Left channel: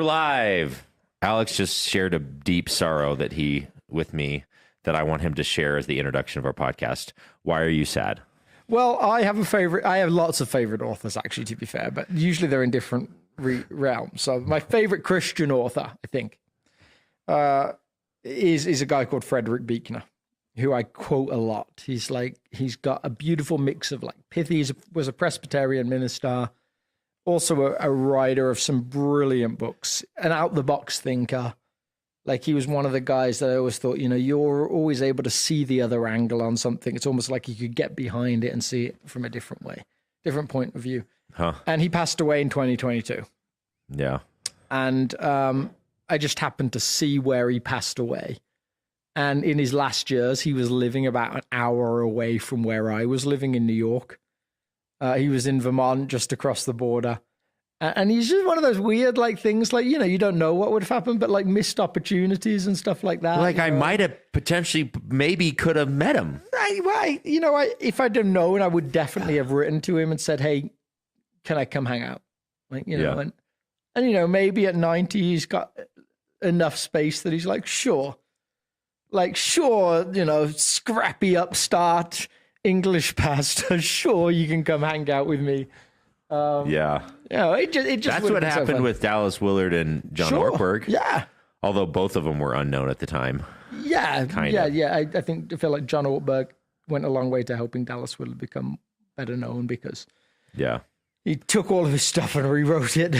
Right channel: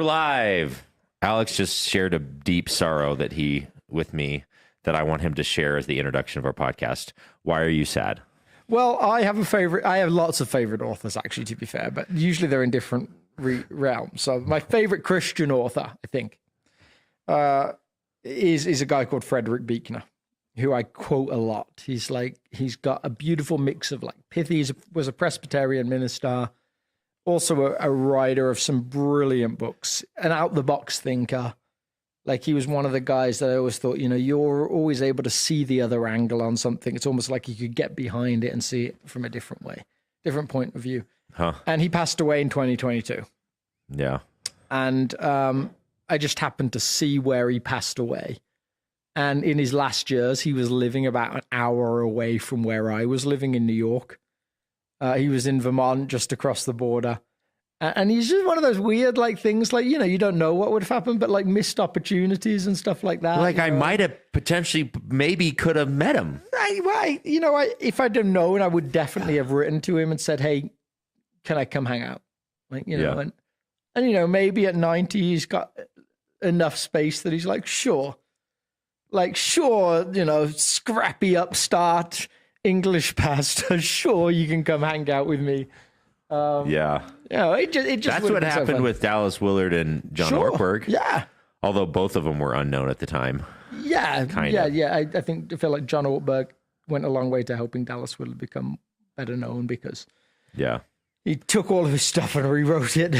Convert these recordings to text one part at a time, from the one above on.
We're live. Alex just shared a deep sorrow with me that I want him to share as the introduction of our podcast. Why are you sad? Well, I have a favorite. I have lots of favorite authors, actually, to be fair, but usually they're in different realms. So my favorite Christian author, I think, is a guy called Frederick Buechner, who I quote a lot. He's got a beautiful mix of pithy. He was a Presbyterian minister, also a writer of some brilliant books, an out-the-box thinker. He was one of the guys that I always thought, you're always able to see the other angle on something. It's almost like you could get behind it and see it from a different way, different point of view. Huh. And he passed away in 2022. Yeah. And I just happened to see where he passed away. And in his last years, he was living about an hour away from where I was living in New York. He was in Vermont, just across the border. And he's just one of those weird things, you don't know what would have happened, but missed opportunities and stuff like that. I might have potentially, maybe could have met him. If I'd have known, I would definitely have written to him and said, hey, can I come hang out? And maybe at 90, he's got enough space that he's sure. Scrappy upstart English pastor, sure, you can come hang out with me. It just that's what happened with Dallas Willard and John Ortberg. Yeah. Although both of them were unknown at the time. Yeah. I feel like John Ortberg went a long way to helping Dallas Willard become better known because he took all of his stuff and rewrote it.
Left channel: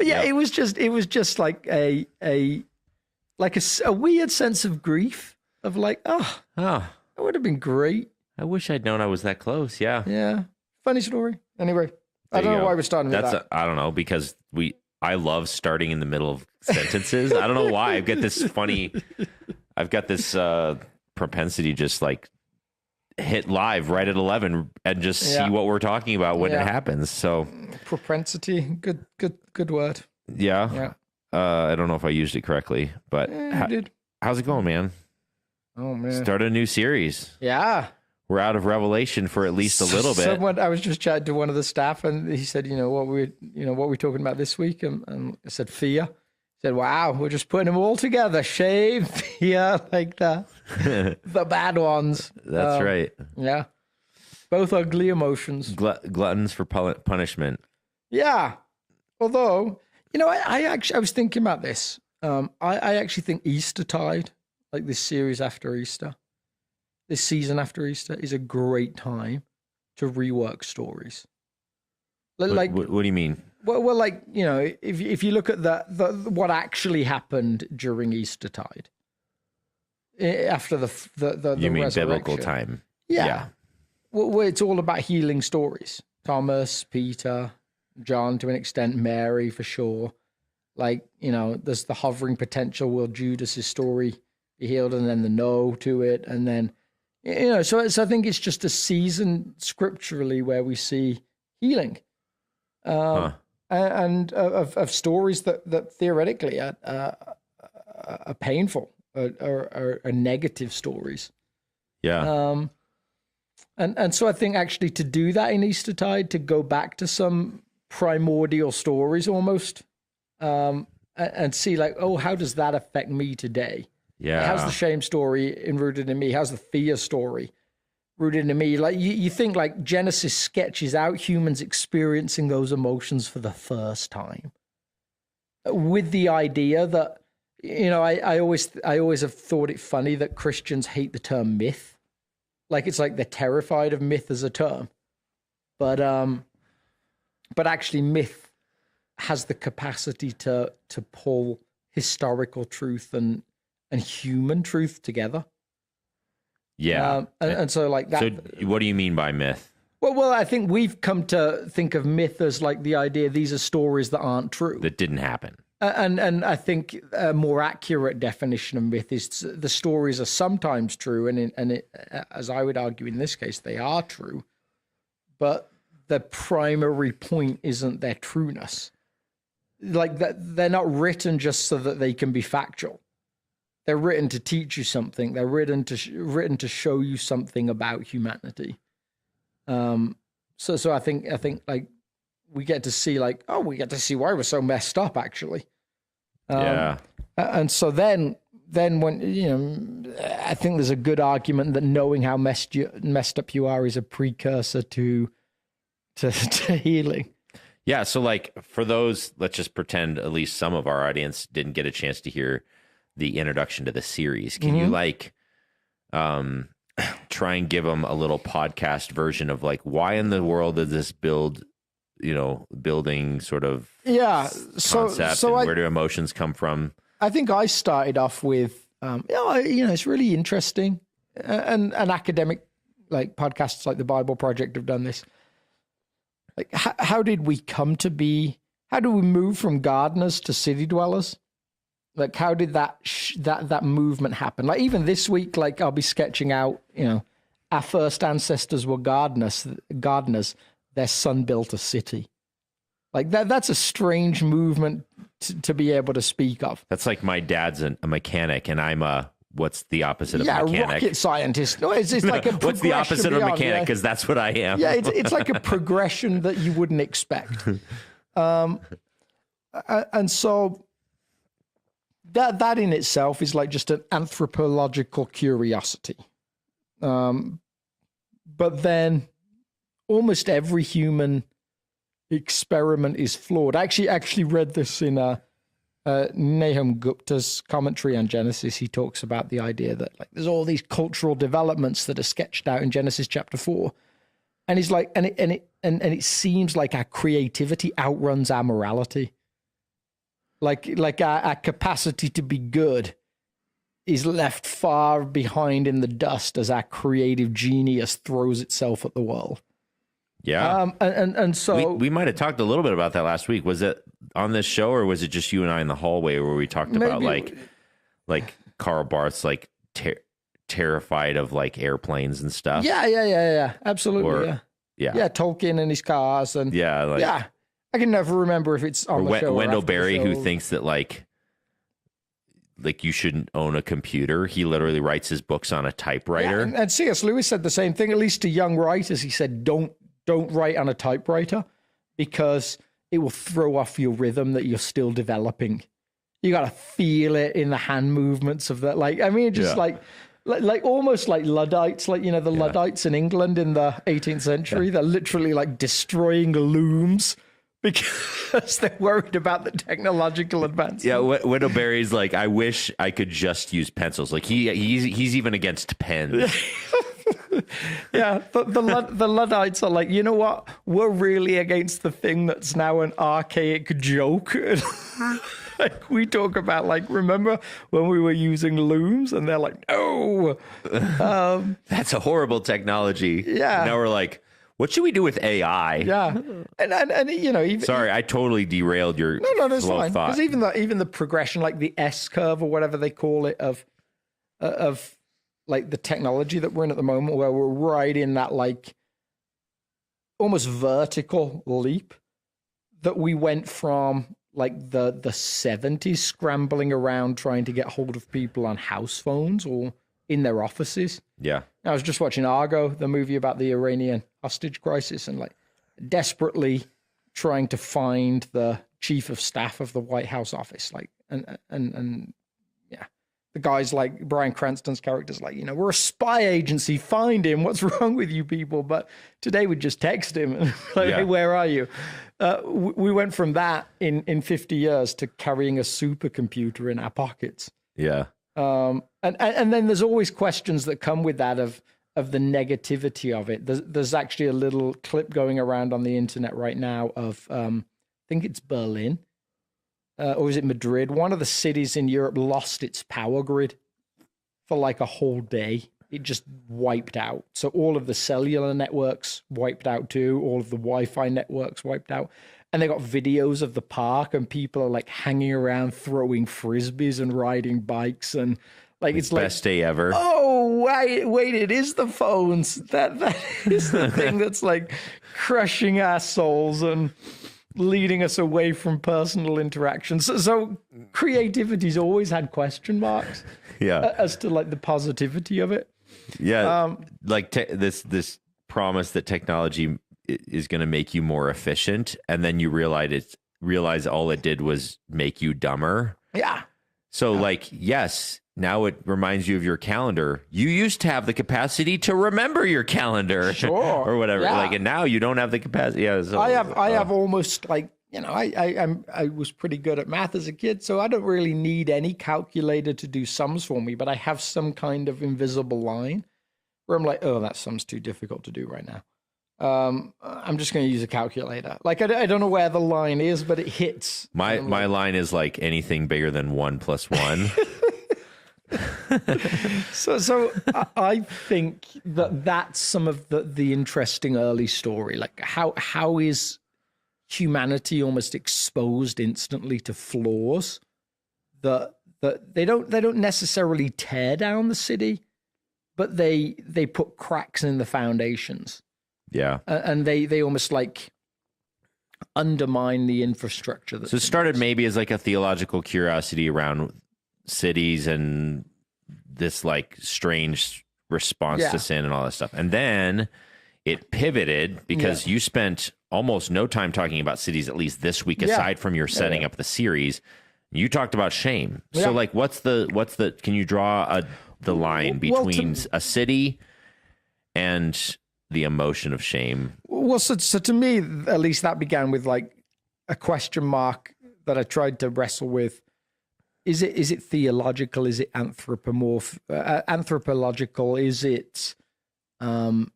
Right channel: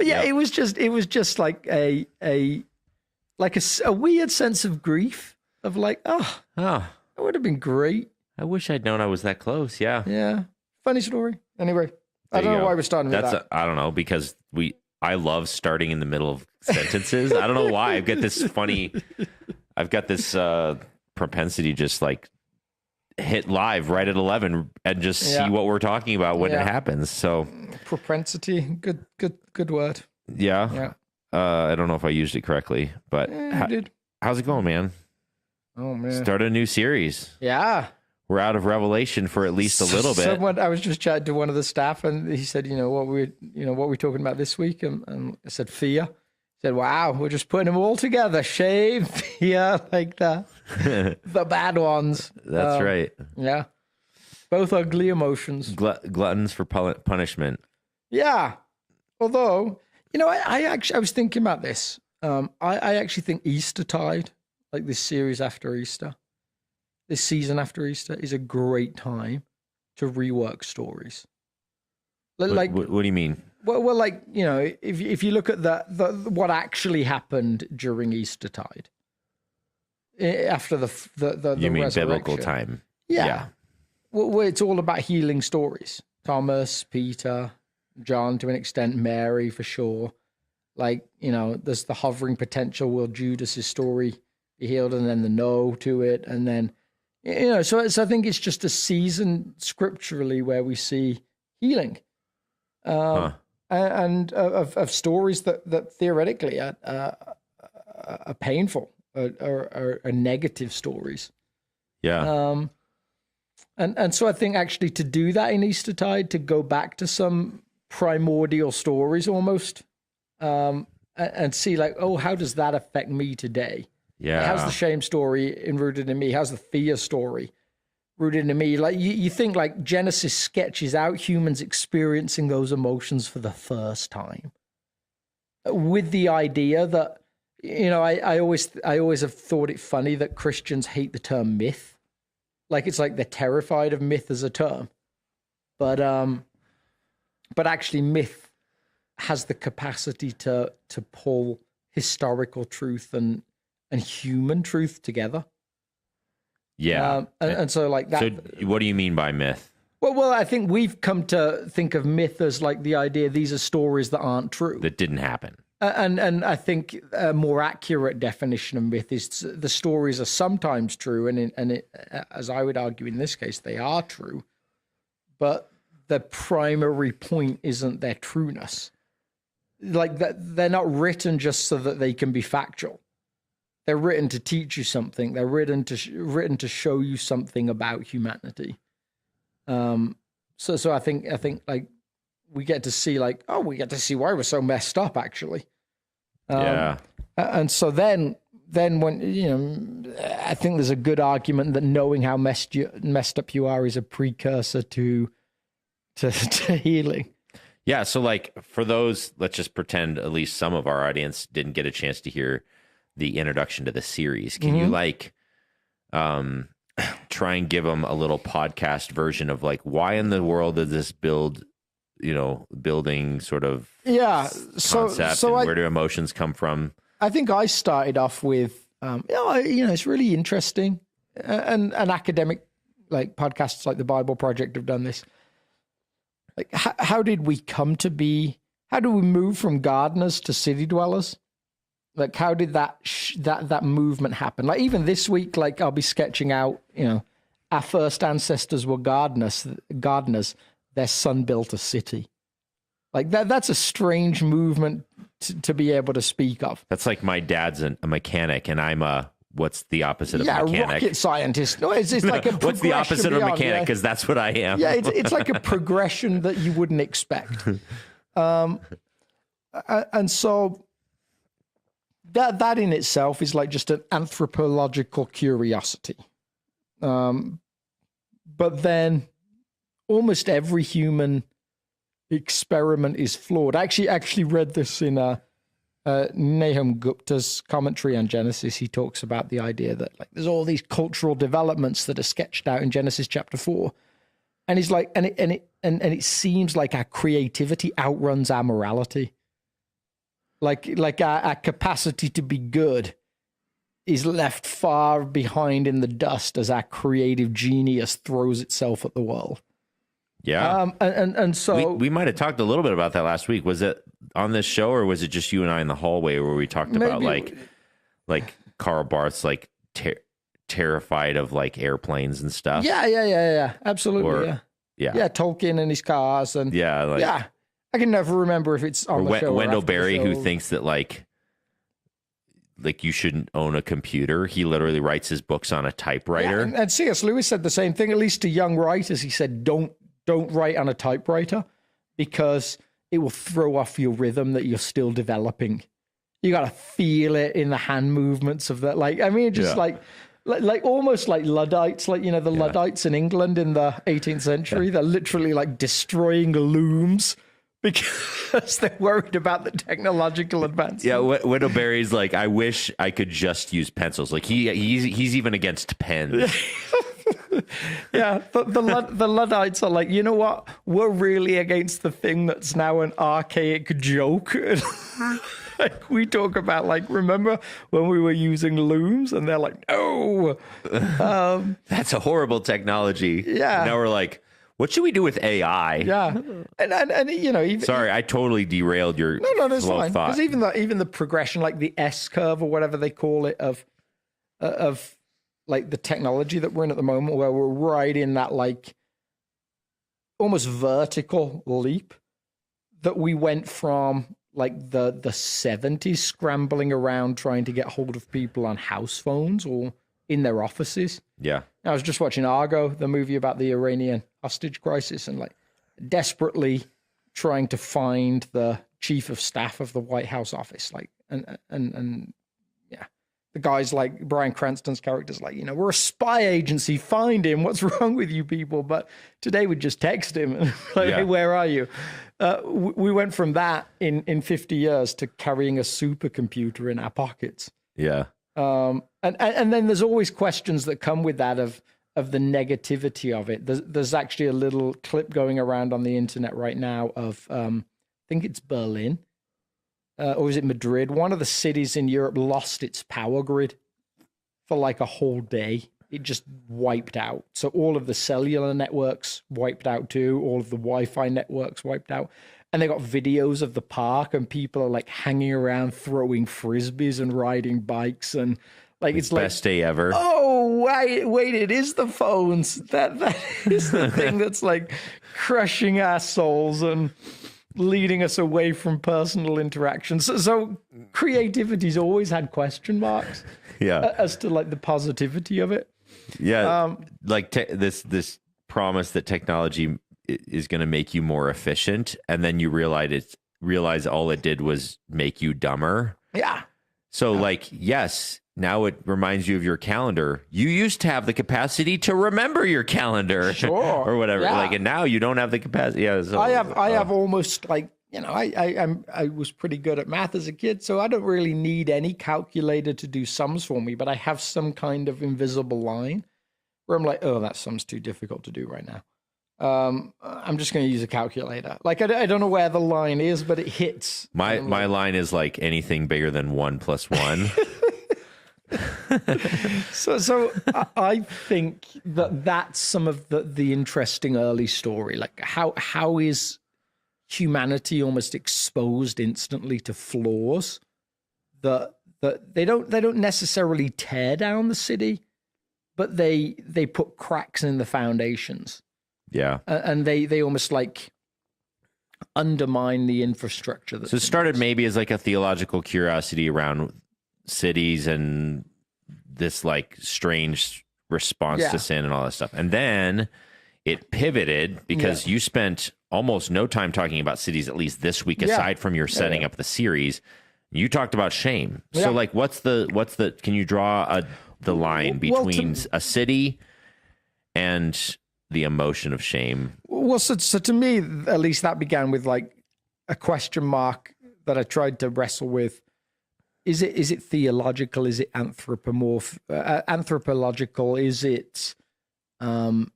It was just like a weird sense of grief of that would have been great. I wish I'd known I was that close. Yeah. Yeah. Funny story. Anyway, I don't know why we're starting with that. I don't know, because I love starting in the middle of sentences. I don't know why. I've got this propensity just hit live right at 11 and just see what we're talking about when it happens. So propensity, good word. Yeah. I don't know if I used it correctly, but how's it going, man? Oh man. Start a new series. Yeah. We're out of Revelation for at least a little bit. I was just chatting to one of the staff, and he said, what we're talking about this week, and I said fear. He said, wow, we're just putting them all together. Shame, fear, the bad ones. That's right. Yeah, both ugly emotions. Gluttons for punishment. Yeah, although I was thinking about this. I actually think Eastertide, this series after Easter. This season after Easter is a great time to rework stories. What do you mean? Well, if you look at what actually happened during Eastertide, after the you mean resurrection. biblical time? Yeah. Well, it's all about healing stories. Thomas, Peter, John, to an extent, Mary for sure. There's the hovering potential. Will Judas's story be healed, and then the no to it, and then. So I think it's just a season scripturally where we see healing, and of stories that theoretically are painful or negative stories. Yeah. And so I think actually to do that in Eastertide, to go back to some primordial stories almost, and see how does that affect me today? Yeah. How's the shame story rooted in me? How's the fear story rooted in me? You think Genesis sketches out humans experiencing those emotions for the first time, with the idea that I always have thought it funny that Christians hate the term myth, it's they're terrified of myth as a term, but actually myth has the capacity to pull historical truth and human truth together. Yeah. And so that. So what do you mean by myth? Well, I think we've come to think of myth as the idea these are stories that aren't true. That didn't happen. And I think a more accurate definition of myth is the stories are sometimes true, and as I would argue in this case, they are true, but the primary point isn't their trueness. They're not written just so that they can be factual. They're written to teach you something. They're written to show you something about humanity. So I think we get to see like, oh, we get to see why we're so messed up actually. Yeah. And so then when, you know, I think there's a good argument that knowing how messed up you are is a precursor to healing. Yeah. So like for those, let's just pretend at least some of our audience didn't get a chance to hear the introduction to the series. Can you like, try and give them a little podcast version of like, why in the world did this building sort of concept, and where do emotions come from? I think I started off with, it's really interesting, and academic like podcasts like the Bible Project have done this. Like, how did we come to be? How do we move from gardeners to city dwellers? Like, how did that movement happen? Like, even this week, like, I'll be sketching out, you know, our first ancestors were gardeners. Their son built a city. Like, that's a strange movement to be able to speak of. That's like my dad's a mechanic, and I'm what's the opposite of a mechanic? Rocket scientist. No, it's like a what's the opposite of a mechanic? Because that's what I am. Yeah, it's like a progression that you wouldn't expect. And so that in itself is like just an anthropological curiosity. But then almost every human experiment is flawed. I actually read this in Nahum Gupta's commentary on Genesis. He talks about the idea that like there's all these cultural developments that are sketched out in Genesis chapter 4, and he's like, and it seems like our creativity outruns our morality. Like our capacity to be good is left far behind in the dust as our creative genius throws itself at the world. Yeah. And so we might have talked a little bit about that last week. Was it on this show, or was it just you and I in the hallway where we talked about like Karl Barth's like terrified of like airplanes and stuff? Yeah. Absolutely. Yeah, Tolkien and his cars and I can never remember if it's on the show. Wendell Berry, who thinks that like you shouldn't own a computer. He literally writes his books on a typewriter. Yeah, and C.S. Lewis said the same thing, at least to young writers. He said, don't write on a typewriter because it will throw off your rhythm that you're still developing. You got to feel it in the hand movements of that. Like, I mean, just like almost like Luddites, like, you know, the Luddites in England in the 18th century, they're literally like destroying looms because they're worried about the technological advance. Yeah, Wendell Berry's like, I wish I could just use pencils. Like he's even against pens. Yeah, the Luddites are like, you know what? We're really against the thing that's now an archaic joke. Like we talk about, like, remember when we were using looms? And they're like, no. That's a horrible technology. Yeah. And now we're like, what should we do with AI? Yeah, and you know, sorry, I totally derailed your that's flow fine. of thought. Because even the progression, like the S curve or whatever they call it, of like the technology that we're in at the moment, where we're right in that like almost vertical leap that we went from like the 70s scrambling around trying to get hold of people on house phones or in their offices. Yeah. I was just watching Argo, the movie about the Iranian hostage crisis, and like desperately trying to find the chief of staff of the White House office. Like, and yeah, the guy's like, Bryan Cranston's character's like, you know, we're a spy agency, find him. What's wrong with you people? But today we just text him. Like, hey, where are you? We went from that in 50 years to carrying a supercomputer in our pockets. Yeah. And then there's always questions that come with that of the negativity of it. There's actually a little clip going around on the internet right now of I think it's Berlin or is it Madrid? One of the cities in Europe lost its power grid for like a whole day. It just wiped out. So all of the cellular networks wiped out too. All of the Wi-Fi networks wiped out. And they got videos of the park, and people are like hanging around, throwing frisbees and riding bikes, and like it's like best day ever. Oh wait! It is the phones. That is the thing that's like crushing our souls and leading us away from personal interactions. So creativity's always had question marks. Yeah, as to like the positivity of it. Yeah, like this promise that technology is going to make you more efficient, and then you realize all it did was make you dumber. Yeah. So like, yes, now it reminds you of your calendar. You used to have the capacity to remember your calendar, Sure. or whatever. Yeah. Like, and now you don't have the capacity. Yeah, so, I have almost like, I was pretty good at math as a kid, so I don't really need any calculator to do sums for me, but I have some kind of invisible line where I'm like, oh, that sum's too difficult to do right now. I'm just going to use a calculator. Like, I don't know where the line is, but it hits. My line is like anything bigger than 1 + 1. So I think that's some of the interesting early story. Like how is humanity almost exposed instantly to flaws that they don't necessarily tear down the city, but they put cracks in the foundations. Yeah. And they almost like undermine the infrastructure. So it started maybe as like a theological curiosity around cities and this like strange response to sin and all that stuff. And then it pivoted because you spent almost no time talking about cities, at least this week, aside from your setting up the series. You talked about shame. Yeah. So like, what's the, can you draw the line between a city and the emotion of shame? Well, so to me, at least that began with like a question mark that I tried to wrestle with. Is it theological? Is it anthropological? Is it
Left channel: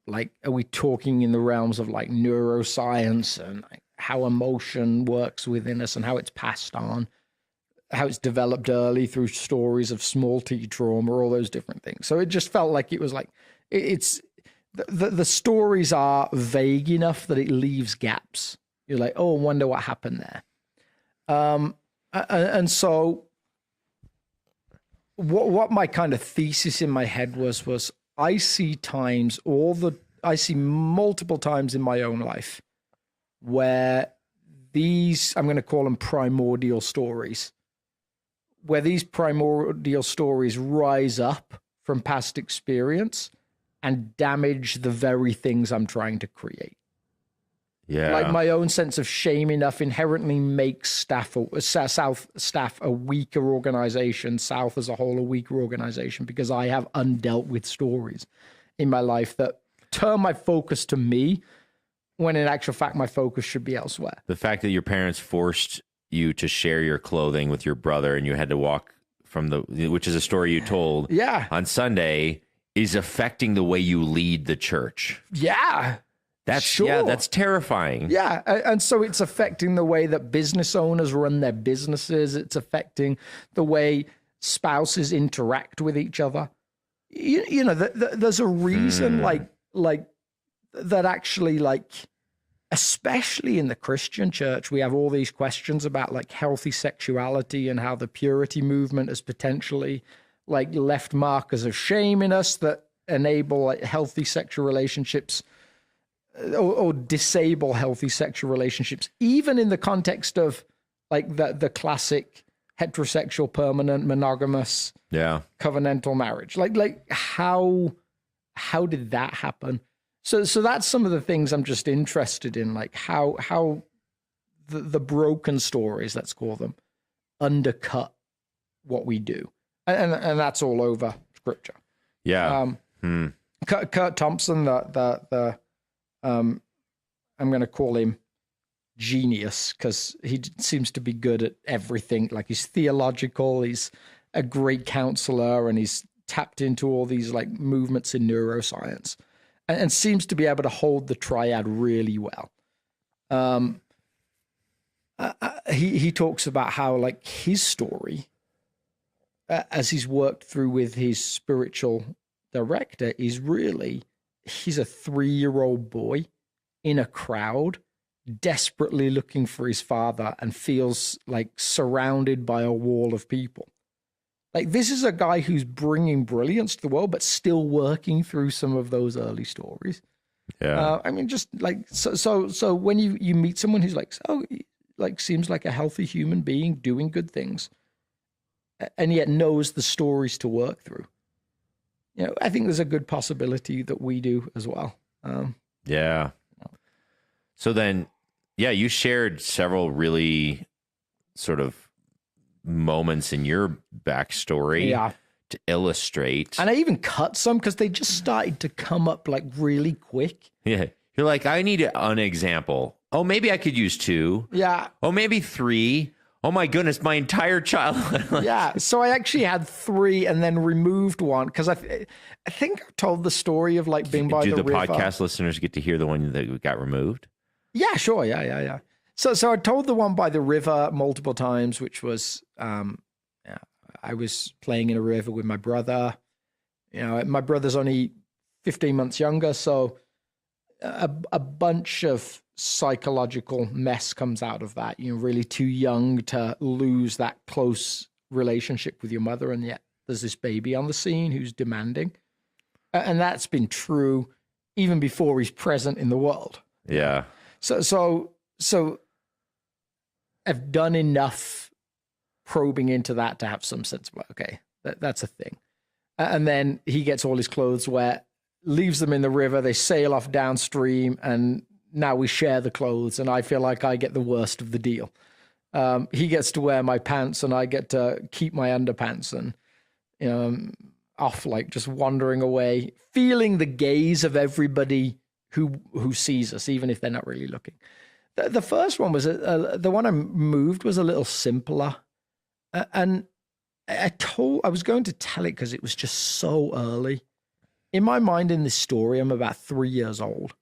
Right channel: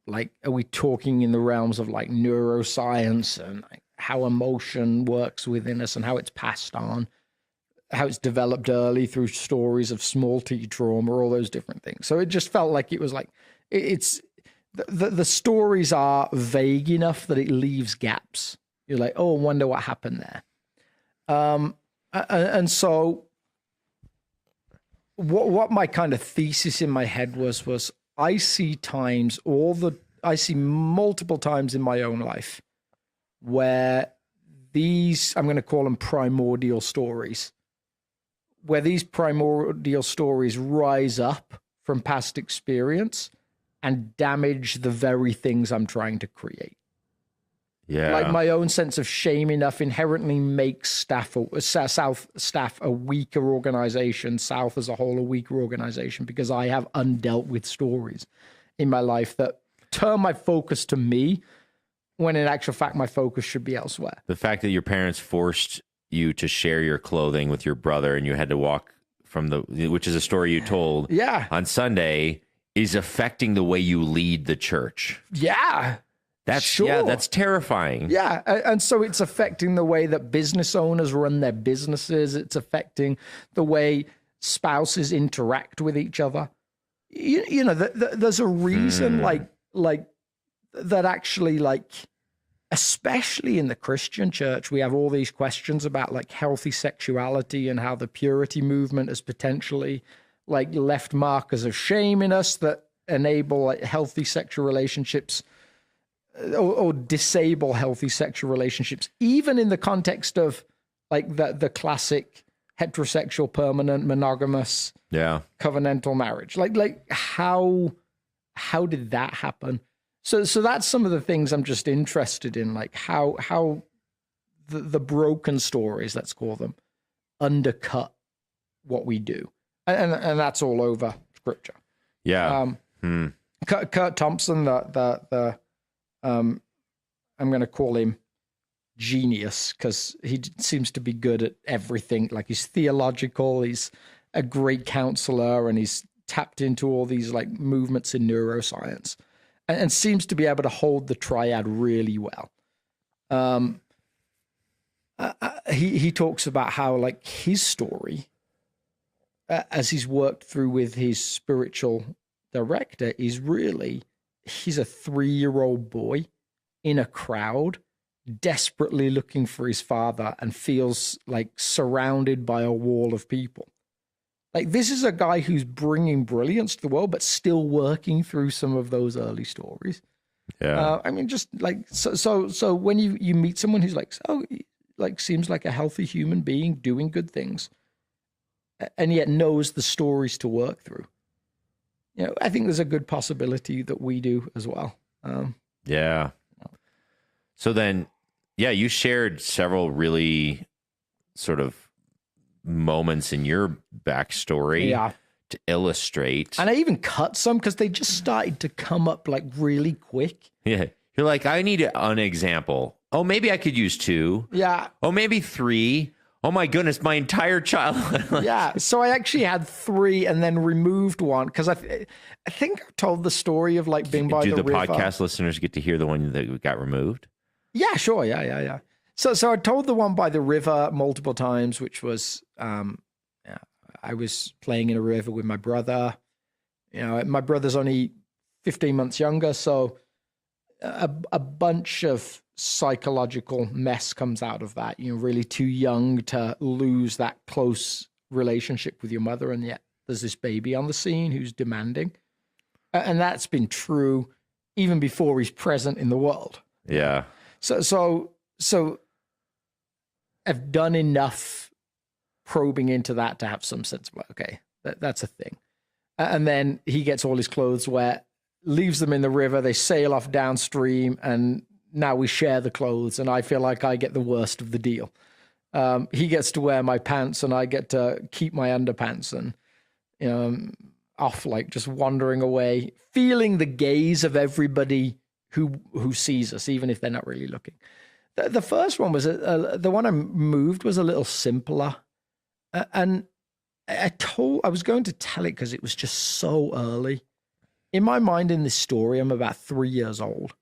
like, are we talking in the realms of like neuroscience and like how emotion works within us and how it's passed on, how it's developed early through stories of small t trauma, all those different things. So it just felt like it was like it's the stories are vague enough that it leaves gaps. You're like, oh, I wonder what happened there. And so what my kind of thesis in my head was I see multiple times in my own life where these, I'm going to call them primordial stories, where these primordial stories rise up from past experience and damage the very things I'm trying to create. Yeah. Like my own sense of shame enough inherently makes South staff a weaker organization, South as a whole a weaker organization, because I have undealt with stories in my life that turn my focus to me when in actual fact my focus should be elsewhere. The fact that your parents forced you to share your clothing with your brother and you had to walk from which is a story you told on Sunday, is affecting the way you lead the church. Yeah. That's terrifying. Yeah. And so it's affecting the way that business owners run their businesses. It's affecting the way spouses interact with each other. You know, there's a reason like that actually, like, especially in the Christian church, we have all these questions about like healthy sexuality and how the purity movement has potentially like left markers of shame in us that enable like healthy sexual relationships or disable healthy sexual relationships, even in the context of like the classic heterosexual, permanent, monogamous, covenantal marriage. Like how did that happen? So that's some of the things I'm just interested in, like how the broken stories, let's call them, undercut what we do, and that's all over Scripture. Yeah. Kurt Thompson, I'm going to call him genius because he seems to be good at everything. Like he's theological, he's a great counselor, and he's tapped into all these like movements in neuroscience, and seems to be able to hold the triad really well. He talks about how like his story, as he's worked through with his spiritual director, is really, he's a 3-year-old boy in a crowd desperately looking for his father and feels like surrounded by a wall of people. Like this is a guy who's bringing brilliance to the world, but still working through some of those early stories. Yeah. I mean, just like, so when you meet someone who's like, seems like a healthy human being doing good things and yet knows the stories to work through, you know, I think there's a good possibility that we do as well. Yeah. So then, yeah, you shared several really sort of moments in your backstory to illustrate. And I even cut some because they just started to come up like really quick. Yeah. You're like, I need an example. Oh, maybe I could use 2. Yeah. Oh, maybe 3. Oh my goodness, my entire childhood. Yeah. So I actually had 3 and then removed one because I think I told the story of like being by the river. Do the podcast listeners get to hear the one that got removed? Yeah, sure. Yeah. So I told the one by the river multiple times, which was I was playing in a river with my brother. You know, my brother's only 15 months younger, so a bunch of psychological mess comes out of that. You're really too young to lose that close relationship with your mother, and yet there's this baby on the scene who's demanding. And that's been true even before he's present in the world. Yeah. So I've done enough probing into that to have some sense of, okay, that's a thing. And then he gets all his clothes wet, leaves them in the river, they sail off downstream, and now we share the clothes, and I feel like I get the worst of the deal. He gets to wear my pants, and I get to keep my underpants, and off like just wandering away, feeling the gaze of everybody who sees us, even if they're not really looking. The first one was, the one I moved was a little simpler. And I was going to tell it because it was just so early. In my mind, in this story, I'm about 3 years old.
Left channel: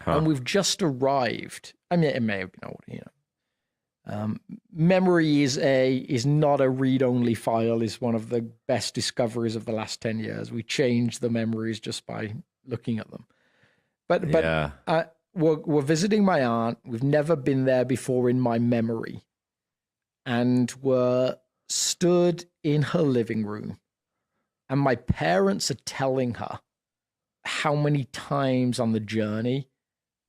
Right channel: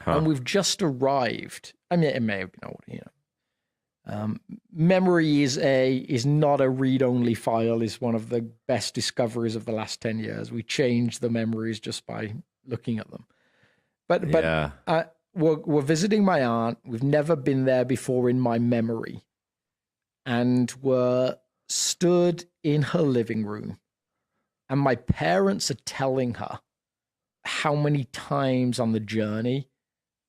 Huh. And we've just arrived. I mean, it may have been older, memory is not a read-only file, is one of the best discoveries of the last 10 years. We change the memories just by looking at them. But we're visiting my aunt. We've never been there before in my memory. And we're stood in her living room. And my parents are telling her how many times on the journey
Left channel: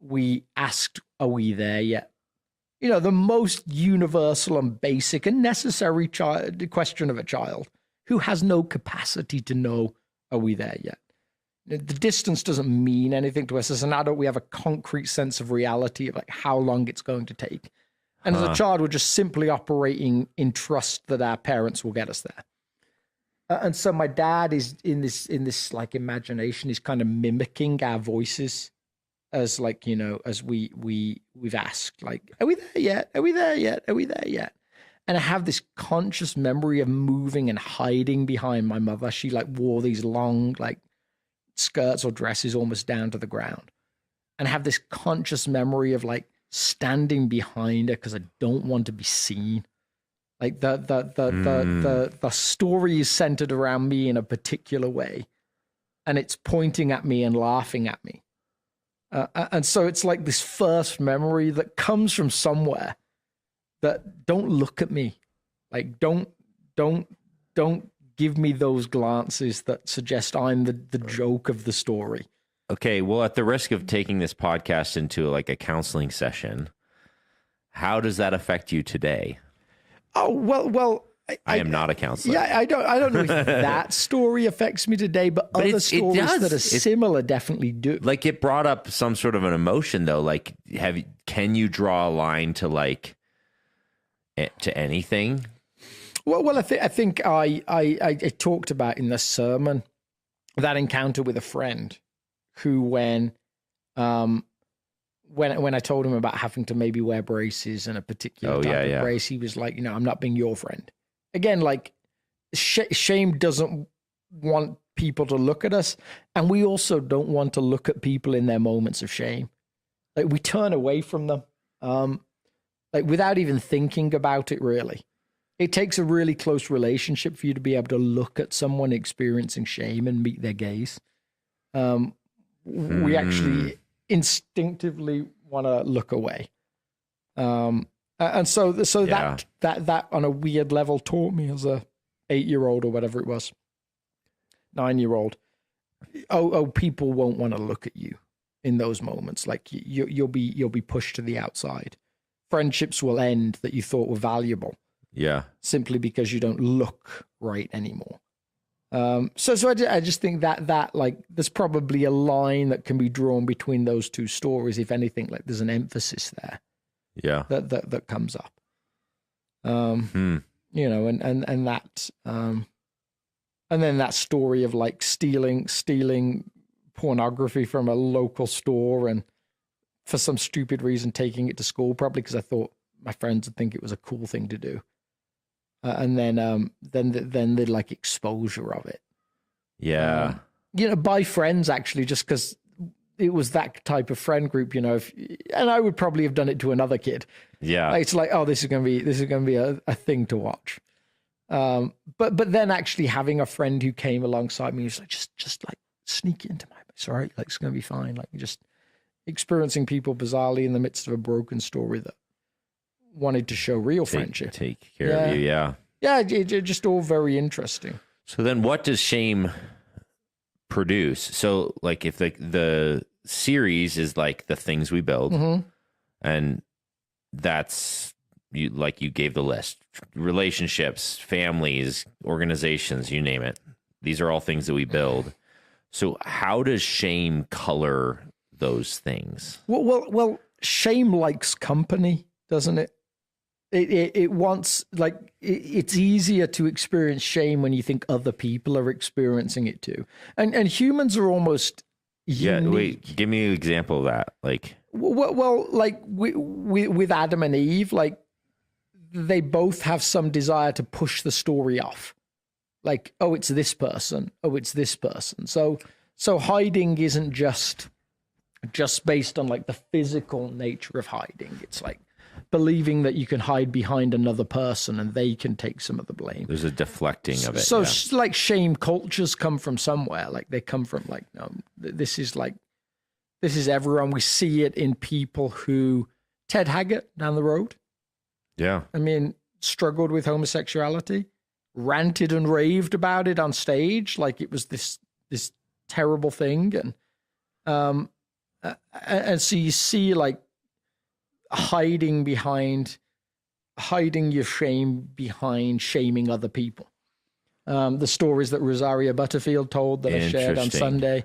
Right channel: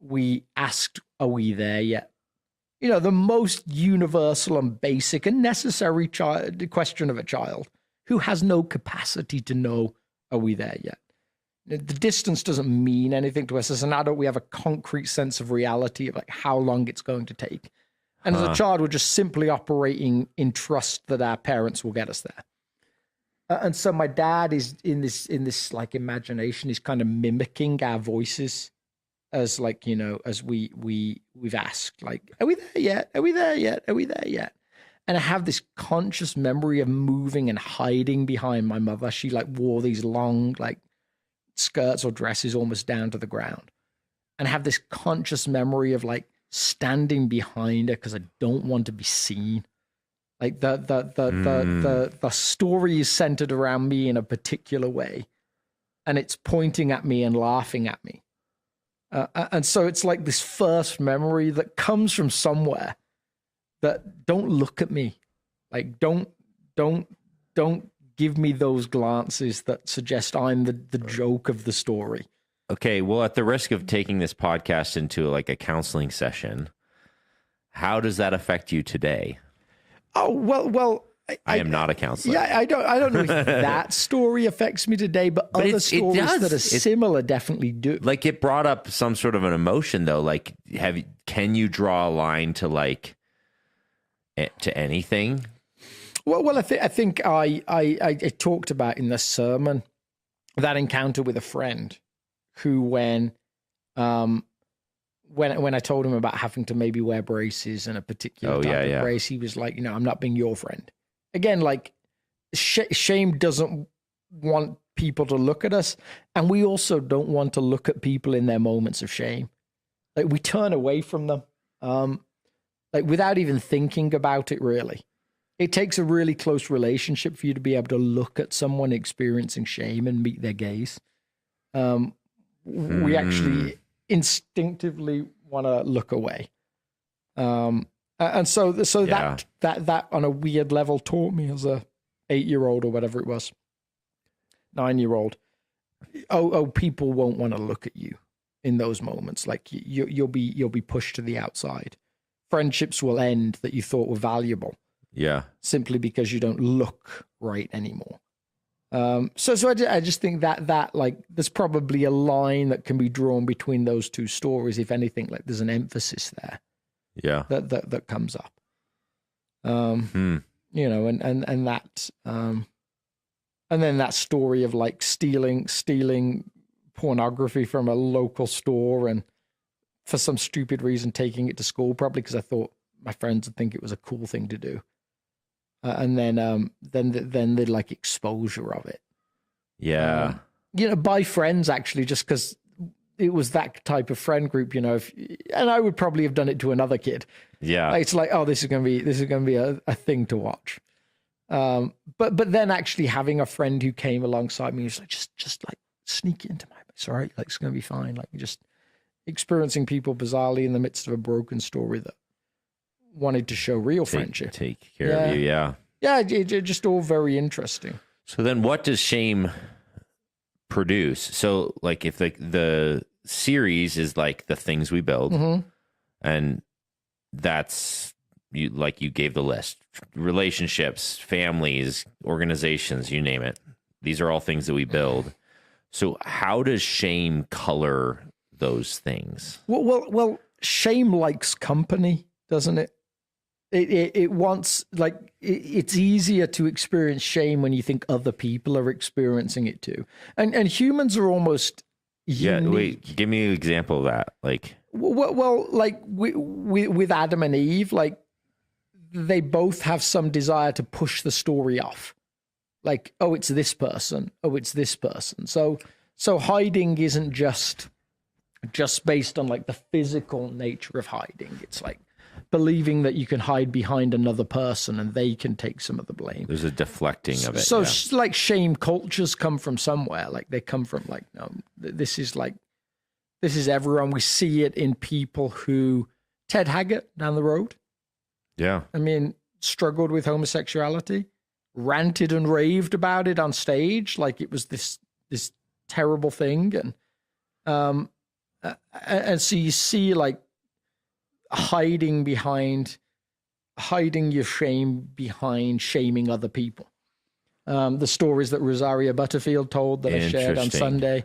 we asked, are we there yet? You know, the most universal and basic and necessary question of a child who has no capacity to know, are we there yet? The distance doesn't mean anything to us. As an adult, we have a concrete sense of reality of like how long it's going to take. And as a child, we're just simply operating in trust that our parents will get us there. And so my dad is in this like imagination, he's kind of mimicking our voices as like, you know, as we've asked, like, are we there yet? Are we there yet? Are we there yet? And I have this conscious memory of moving and hiding behind my mother. She like wore these long like skirts or dresses almost down to the ground. And I have this conscious memory of like standing behind her because I don't want to be seen. Like the story is centered around me in a particular way, and it's pointing at me and laughing at me. And so it's like this first memory that comes from somewhere that don't look at me. Like don't give me those glances that suggest I'm the joke of the story. Okay, well, at the risk of taking this podcast into like a counseling session, how does that affect you today? Oh, well, I am not a counselor. Yeah, I don't know if that story affects me today, but other stories that are similar definitely do. Like it brought up some sort of an emotion though. Like, can you draw a line to like to anything? Well, I think I talked about in the sermon that encounter with a friend who, when I told him about having to maybe wear braces and a particular type of brace, he was like, you know, I'm not being your friend. Again, like shame doesn't want people to look at us, and we also don't want to look at people in their moments of shame. Like we turn away from them, like without even thinking about it. Really, it takes a really close relationship for you to be able to look at someone experiencing shame and meet their gaze. We actually instinctively want to look away. And so that on a weird level taught me as a 8-year-old or whatever it was, 9-year-old. Oh, people won't want to look at you in those moments. Like you'll be pushed to the outside. Friendships will end that you thought were valuable. Yeah. Simply because you don't look right anymore. I just think that like there's probably a line that can be drawn between those two stories. If anything, like there's an emphasis there. Yeah. That comes up. You know, and that and then that story of like stealing pornography from a local store and for some stupid reason taking it to school, probably because I thought my friends would think it was a cool thing to do. And then the like exposure of it. Yeah. You know, by friends actually, just because it was that type of friend group, you know, and I would probably have done it to another kid. Yeah. It's like, oh, this is going to be a thing to watch. But then actually having a friend who came alongside me was like, just like sneak into my place. All right. Like, it's going to be fine. Like just experiencing people bizarrely in the midst of a broken story that wanted to show real friendship. Take care of you. Yeah. Yeah. It just all very interesting. So then what does shame produce? So like if the series is like the things we build, and that's you gave the list, relationships, families, organizations, you name it. These are all things that we build. So how does shame color those things? Well, shame likes company, doesn't it? It wants, like, it's easier to experience shame when you think other people are experiencing it too. And humans are almost unique. Yeah, wait, give me an example of that. Like, well, like with Adam and Eve, like they both have some desire to push the story off. Like, oh, it's this person. Oh, it's this person. So hiding isn't just based on like the physical nature of hiding. It's like believing that you can hide behind another person and they can take some of the blame. There's a deflecting of it. So like shame cultures come from somewhere. Like they come from like, no, this is everyone. We see it in people who, Ted Haggart down the road. Yeah. I mean, struggled with homosexuality, ranted and raved about it on stage. Like it was this terrible thing. And so you see like, hiding your shame behind shaming other people. The stories that Rosaria Butterfield told that I shared on Sunday,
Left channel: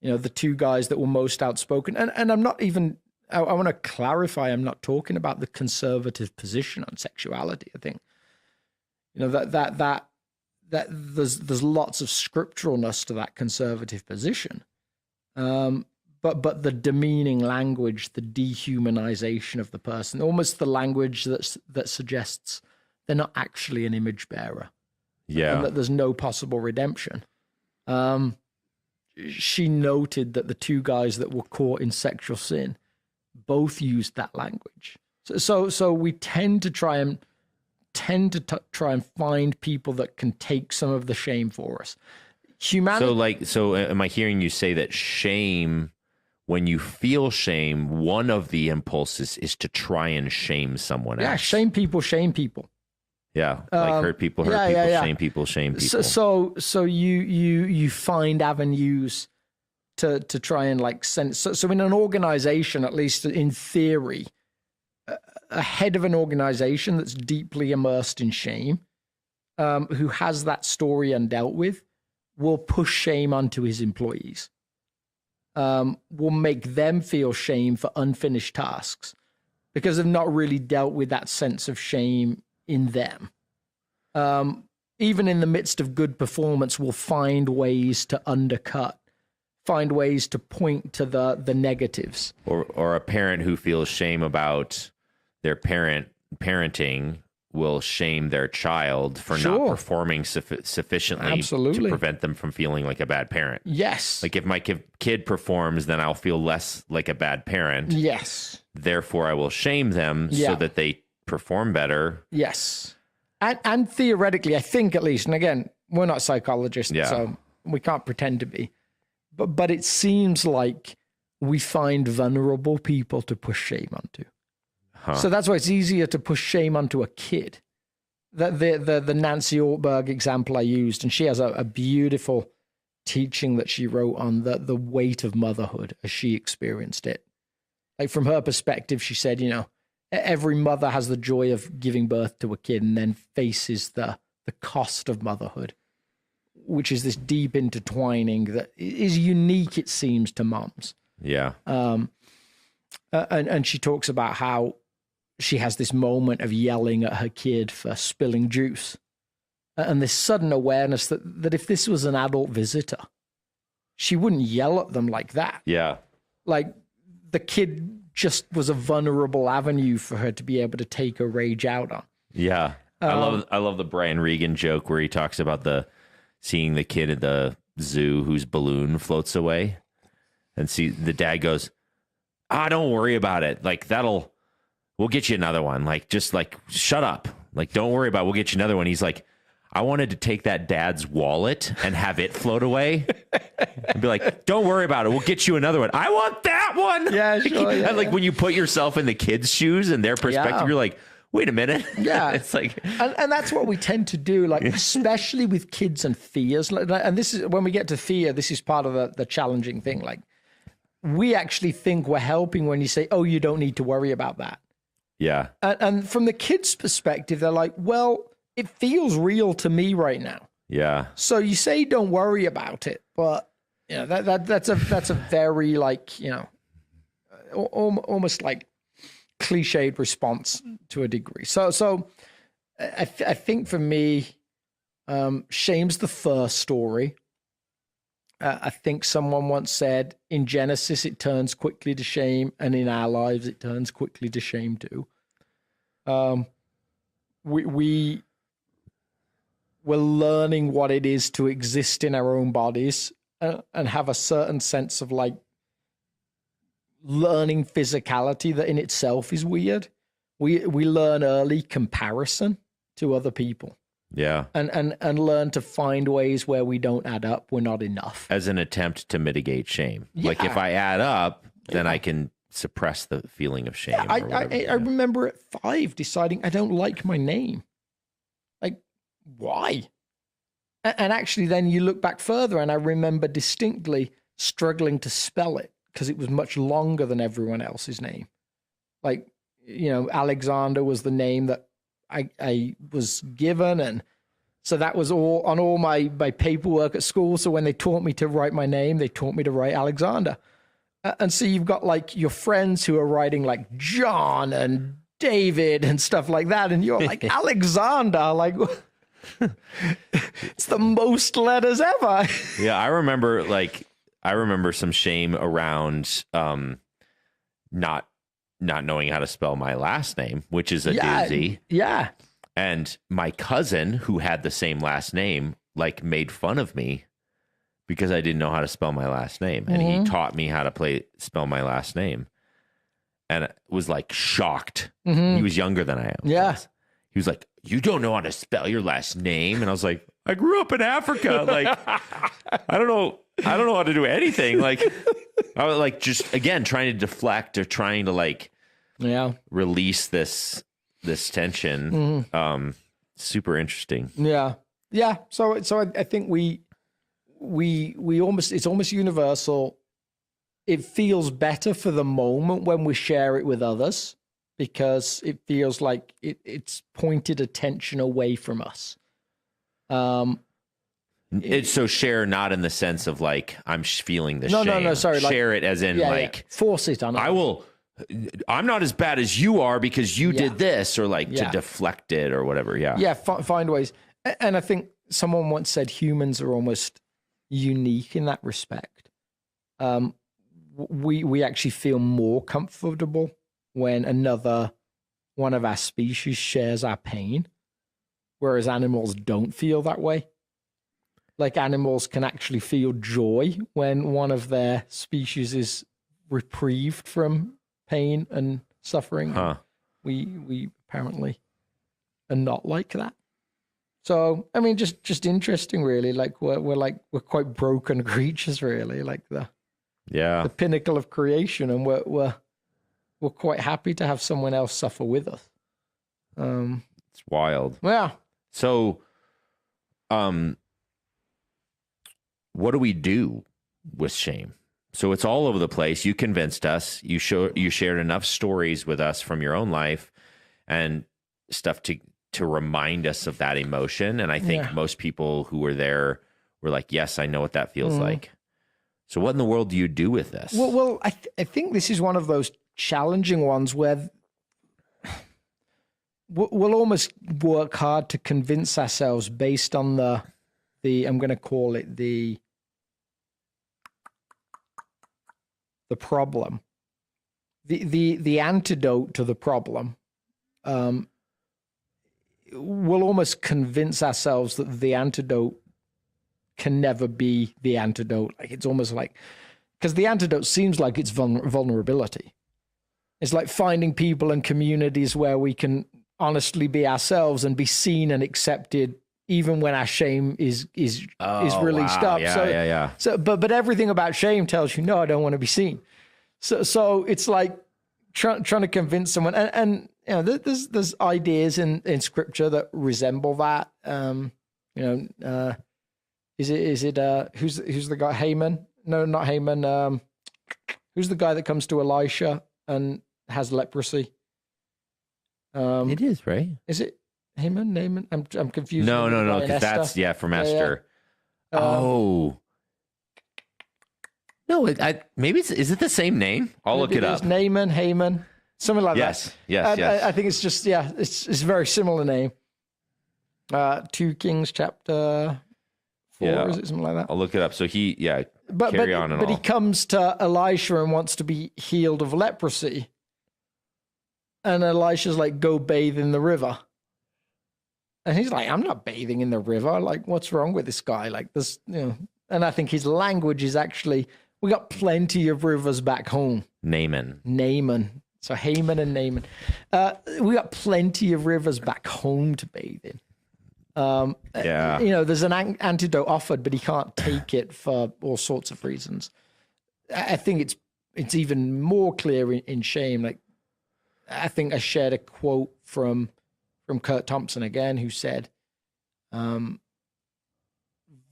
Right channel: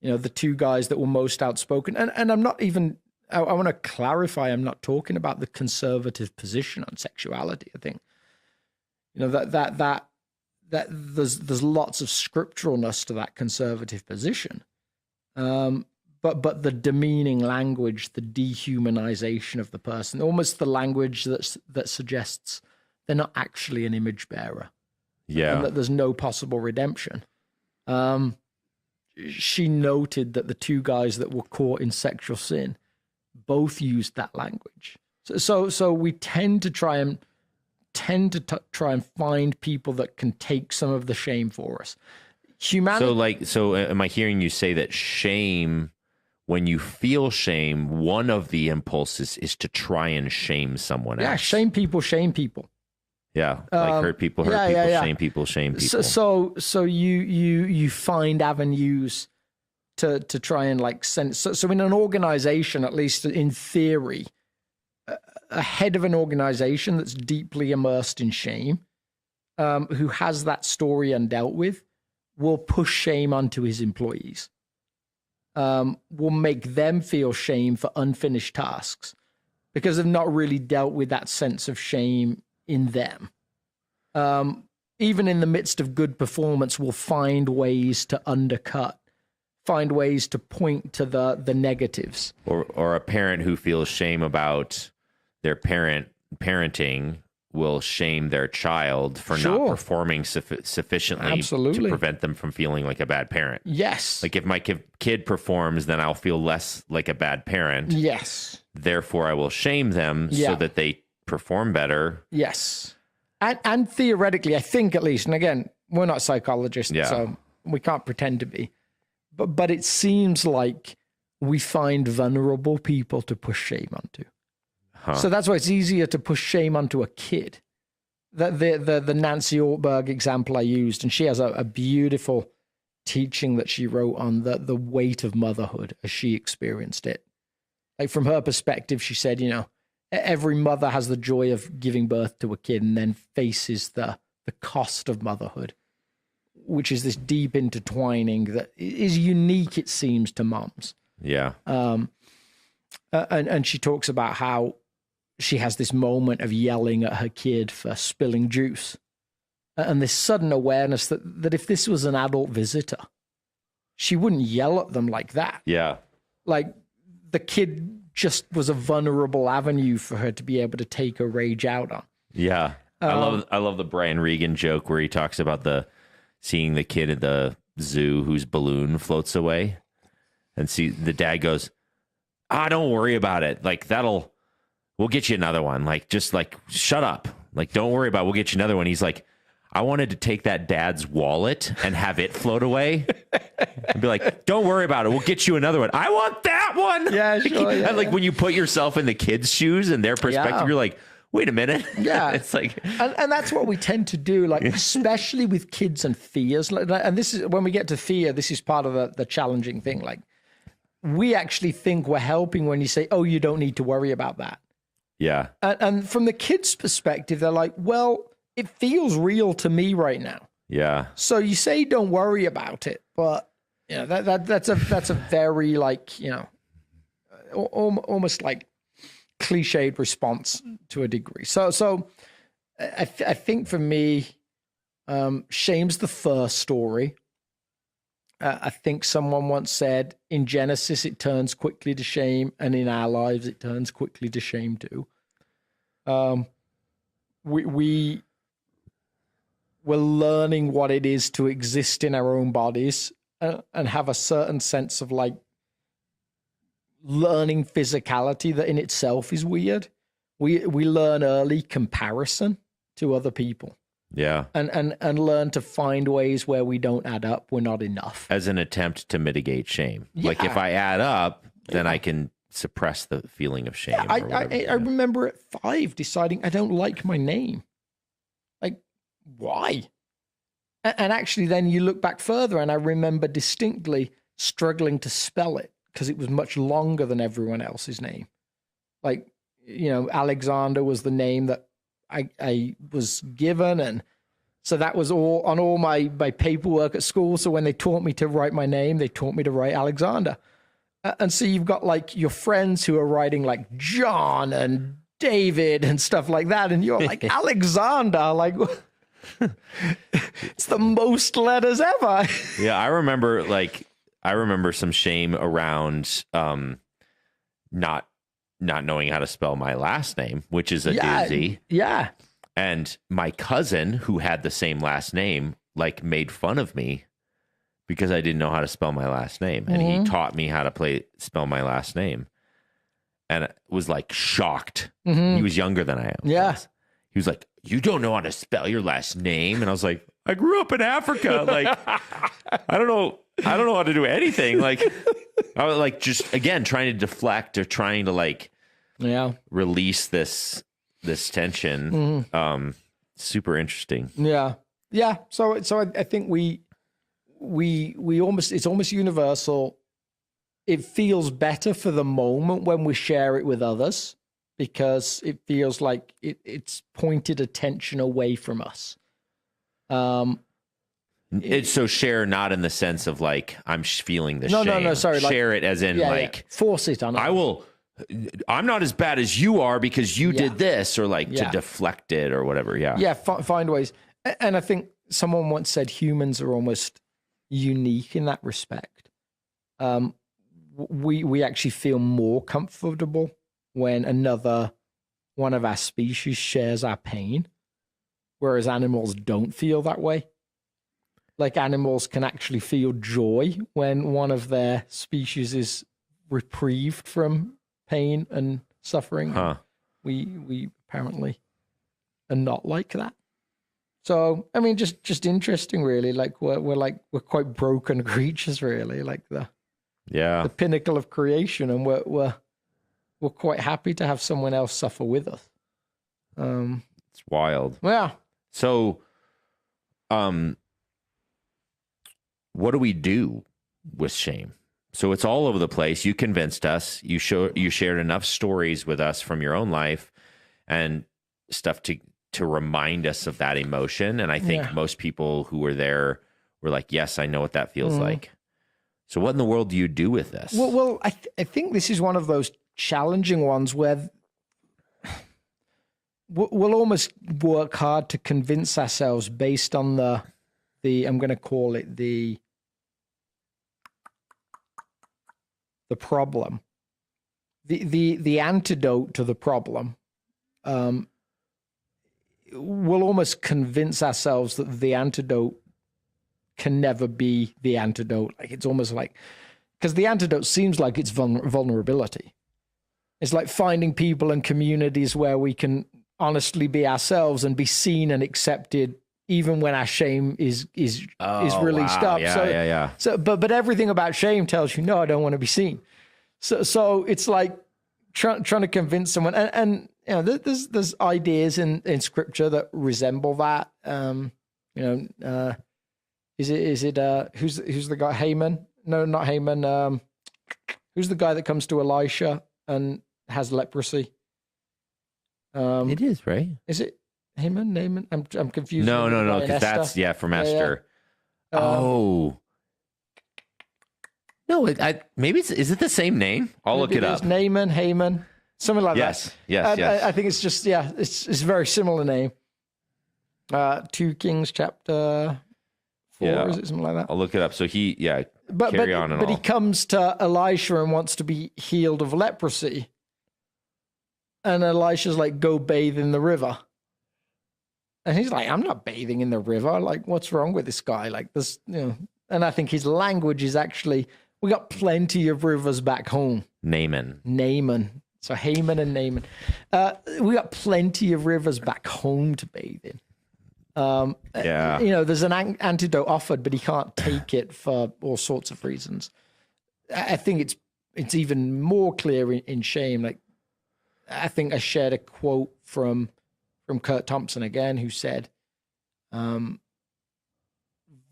you know, the two guys that were most outspoken. And I'm not even, I want to clarify, I'm not talking about the conservative position on sexuality. I think, you know, that there's lots of scripturalness to that conservative position. But the demeaning language, the dehumanization of the person, almost the language that suggests they're not actually an image bearer. Yeah. And that there's no possible redemption. She noted that the two guys that were caught in sexual sin both used that language. So we tend to try and find people that can take some of the shame for us. Humanity. So am I hearing you say that shame, when you feel shame, one of the impulses is to try and shame someone else? Yeah, shame people. Yeah, like hurt people, shame people. So you find avenues to try and like send. So in an organization, at least in theory, a head of an organization that's deeply immersed in shame, who has that story undealt with, will push shame onto his employees. Will make them feel shame for unfinished tasks because they've not really dealt with that sense of shame in them. Even in the midst of good performance, will find ways to undercut, find ways to point to the negatives. Or a parent who feels shame about their parenting will shame their child for not performing sufficiently to prevent them from feeling like a bad parent. Yes. Like if my kid performs, then I'll feel less like a bad parent. Yes. Therefore, I will shame them so that they perform better. Yes. And theoretically, I think at least, and again, we're not psychologists, so we can't pretend to be, but it seems like we find vulnerable people to push shame onto. So that's why it's easier to push shame onto a kid. The Nancy Ortberg example I used, and she has a beautiful teaching that she wrote on the weight of motherhood as she experienced it. Like from her perspective, she said, you know, every mother has the joy of giving birth to a kid and then faces the cost of motherhood which is this deep intertwining that is unique, it seems, to moms. Yeah. And she talks about how she has this moment of yelling at her kid for spilling juice, and this sudden awareness that if this was an adult visitor, she wouldn't yell at them like that. Yeah. Like, the kid just was a vulnerable avenue for her to be able to take her rage out on. Yeah. I love the Brian Regan joke where he talks about seeing the kid at the zoo whose balloon floats away, and the dad goes, don't worry about it. Like, we'll get you another one. Like, just like, shut up. Like, don't worry about it. We'll get you another one. He's like, I wanted to take that dad's wallet and have it float away and be like, don't worry about it. We'll get you another one. I want that one. Yeah, sure. Yeah, and like, when you put yourself in the kid's shoes and their perspective, you're like, wait a minute. Yeah. It's like, and that's what we tend to do, like, especially with kids and fears. And this is, when we get to fear, this is part of the challenging thing. Like, we actually think we're helping when you say, oh, you don't need to worry about that. Yeah. And from the kids' perspective, they're like, well, it feels real to me right now. Yeah. So you say don't worry about it, but you know, that's a very, like, you know, almost like cliched response to a degree. So I think for me, shame's the first story. I think someone once said, in Genesis it turns quickly to shame, and in our lives it turns quickly to shame too. We're learning what it is to exist in our own bodies and have a certain sense of, like, learning physicality that in itself is weird. We learn early comparison to other people. Yeah. And learn to find ways where we don't add up, we're not enough. As an attempt to mitigate shame. Yeah. Like, if I add up, then I can suppress the feeling of shame. I remember at 5 deciding I don't like my name. Like, why? And actually then you look back further, and I remember distinctly struggling to spell it because it was much longer than everyone else's name. Like, you know, Alexander was the name that I was given, and so that was all on all my paperwork at school. So when they taught me to write my name, they taught me to write Alexander. And so you've got, like, your friends who are writing, like, John and David and stuff like that, and you're like, Alexander, like, it's the most letters ever. Yeah, I remember some shame around not knowing how to spell my last name, which is a doozy. Yeah. And my cousin, who had the same last name, like, made fun of me because I didn't know how to spell my last name. And he taught me how to spell my last name. And I was, like, shocked. He was younger than I am. Yeah. He was like, you don't know how to spell your last name? And I was like, I grew up in Africa. Like, I don't know how to do anything. Like, I was, like, just, again, trying to deflect or trying to, like, release this tension. Super interesting. Yeah. So I think we almost, it's almost universal. It feels better for the moment when we share it with others, because it feels like it's pointed attention away from us. It's so share, not in the sense of, like, I'm feeling the shame. No, sorry. Share like, it as in, like, force it on. I'm not as bad as you are because you did this, or, like, to deflect it or whatever. Yeah. Yeah. Find ways. And I think someone once said humans are almost unique in that respect. We actually feel more comfortable when another one of our species shares our pain, whereas animals don't feel that way. Like, animals can actually feel joy when one of their species is reprieved from pain and suffering. Huh. We apparently are not like that. So, I mean, just interesting, really. Like, we're quite broken creatures, really. Like the pinnacle of creation, and we're quite happy to have someone else suffer with us. It's wild. Yeah. So, what do we do with shame? So it's all over the place. You convinced us. You shared enough stories with us from your own life and stuff to remind us of that emotion. And I think most people who were there we're like, yes, I know what that feels like. So what in the world do you do with this? Well, I think this is one of those challenging ones where we'll almost work hard to convince ourselves based on the I'm going to call it the problem, the antidote to the problem. We'll almost convince ourselves that the antidote can never be the antidote. Like it's almost like, because the antidote seems like it's vulnerability. It's like finding people and communities where we can honestly be ourselves and be seen and accepted, even when our shame is released up. So, but everything about shame tells you, no, I don't want to be seen. So it's like trying to convince someone, and you know, there's ideas in scripture that resemble that. Is it who's the guy? Haman? No, not Haman. Who's the guy that comes to Elisha and has leprosy? It is, right? Is it Haman? Naaman? I'm confused. No, because that's from Esther. No, maybe is it the same name? I'll look it up. Naaman, Haman, something like that. Yes. I think it's just it's a very similar name. 2 Kings chapter 4, is it something like that? I'll look it up. So he, carry on. But he comes to Elisha and wants to be healed of leprosy, and Elisha's like, "Go bathe in the river." And he's like, I'm not bathing in the river. Like, what's wrong with this guy? Like, this, and I think his language is actually, we got plenty of rivers back home. Naaman. So Haman and Naaman. We got plenty of rivers back home to bathe in. There's an antidote offered, but he can't take it for all sorts of reasons. I think it's even more clear in shame. Like, I think I shared a quote from Kurt Thompson again, who said,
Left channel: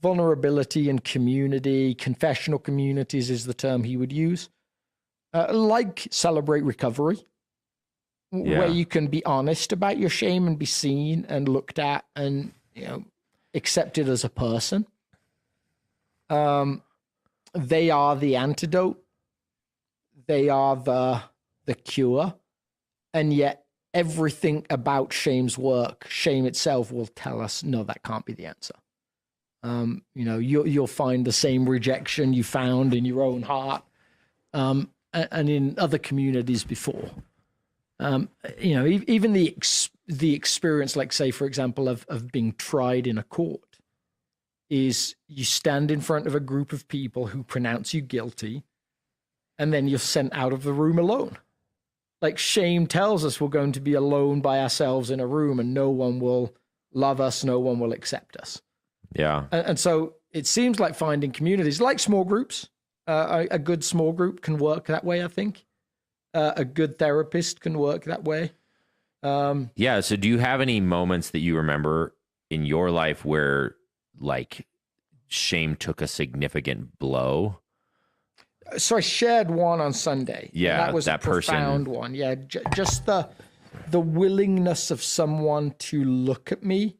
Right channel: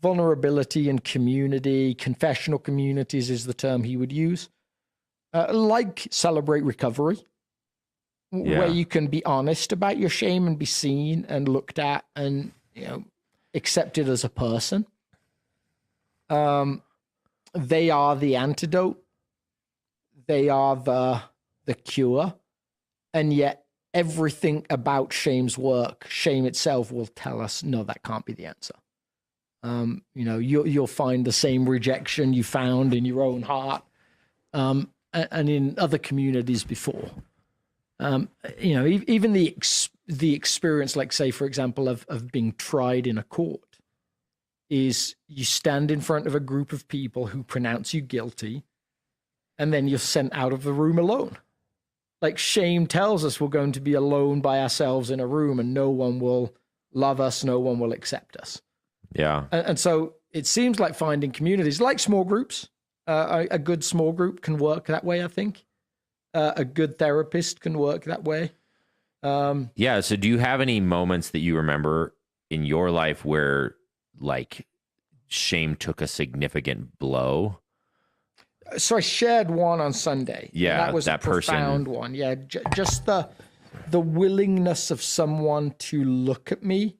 vulnerability and community, confessional communities is the term he would use, like Celebrate Recovery, where you can be honest about your shame and be seen and looked at and, accepted as a person. They are the antidote. They are the cure. And yet, everything about shame's work, shame itself will tell us, no, that can't be the answer. You'll find the same rejection you found in your own heart, and in other communities before. Even the experience, like say, for example, of being tried in a court, is you stand in front of a group of people who pronounce you guilty, and then you're sent out of the room alone. Like shame tells us we're going to be alone by ourselves in a room and no one will love us, no one will accept us. Yeah. And so it seems like finding communities, like small groups, a good small group can work that way, I think. A good therapist can work that way. So do you have any moments that you remember in your life where like shame took a significant blow? So I shared one on Sunday. Yeah, that was that a profound one. Yeah, just the willingness of someone to look at me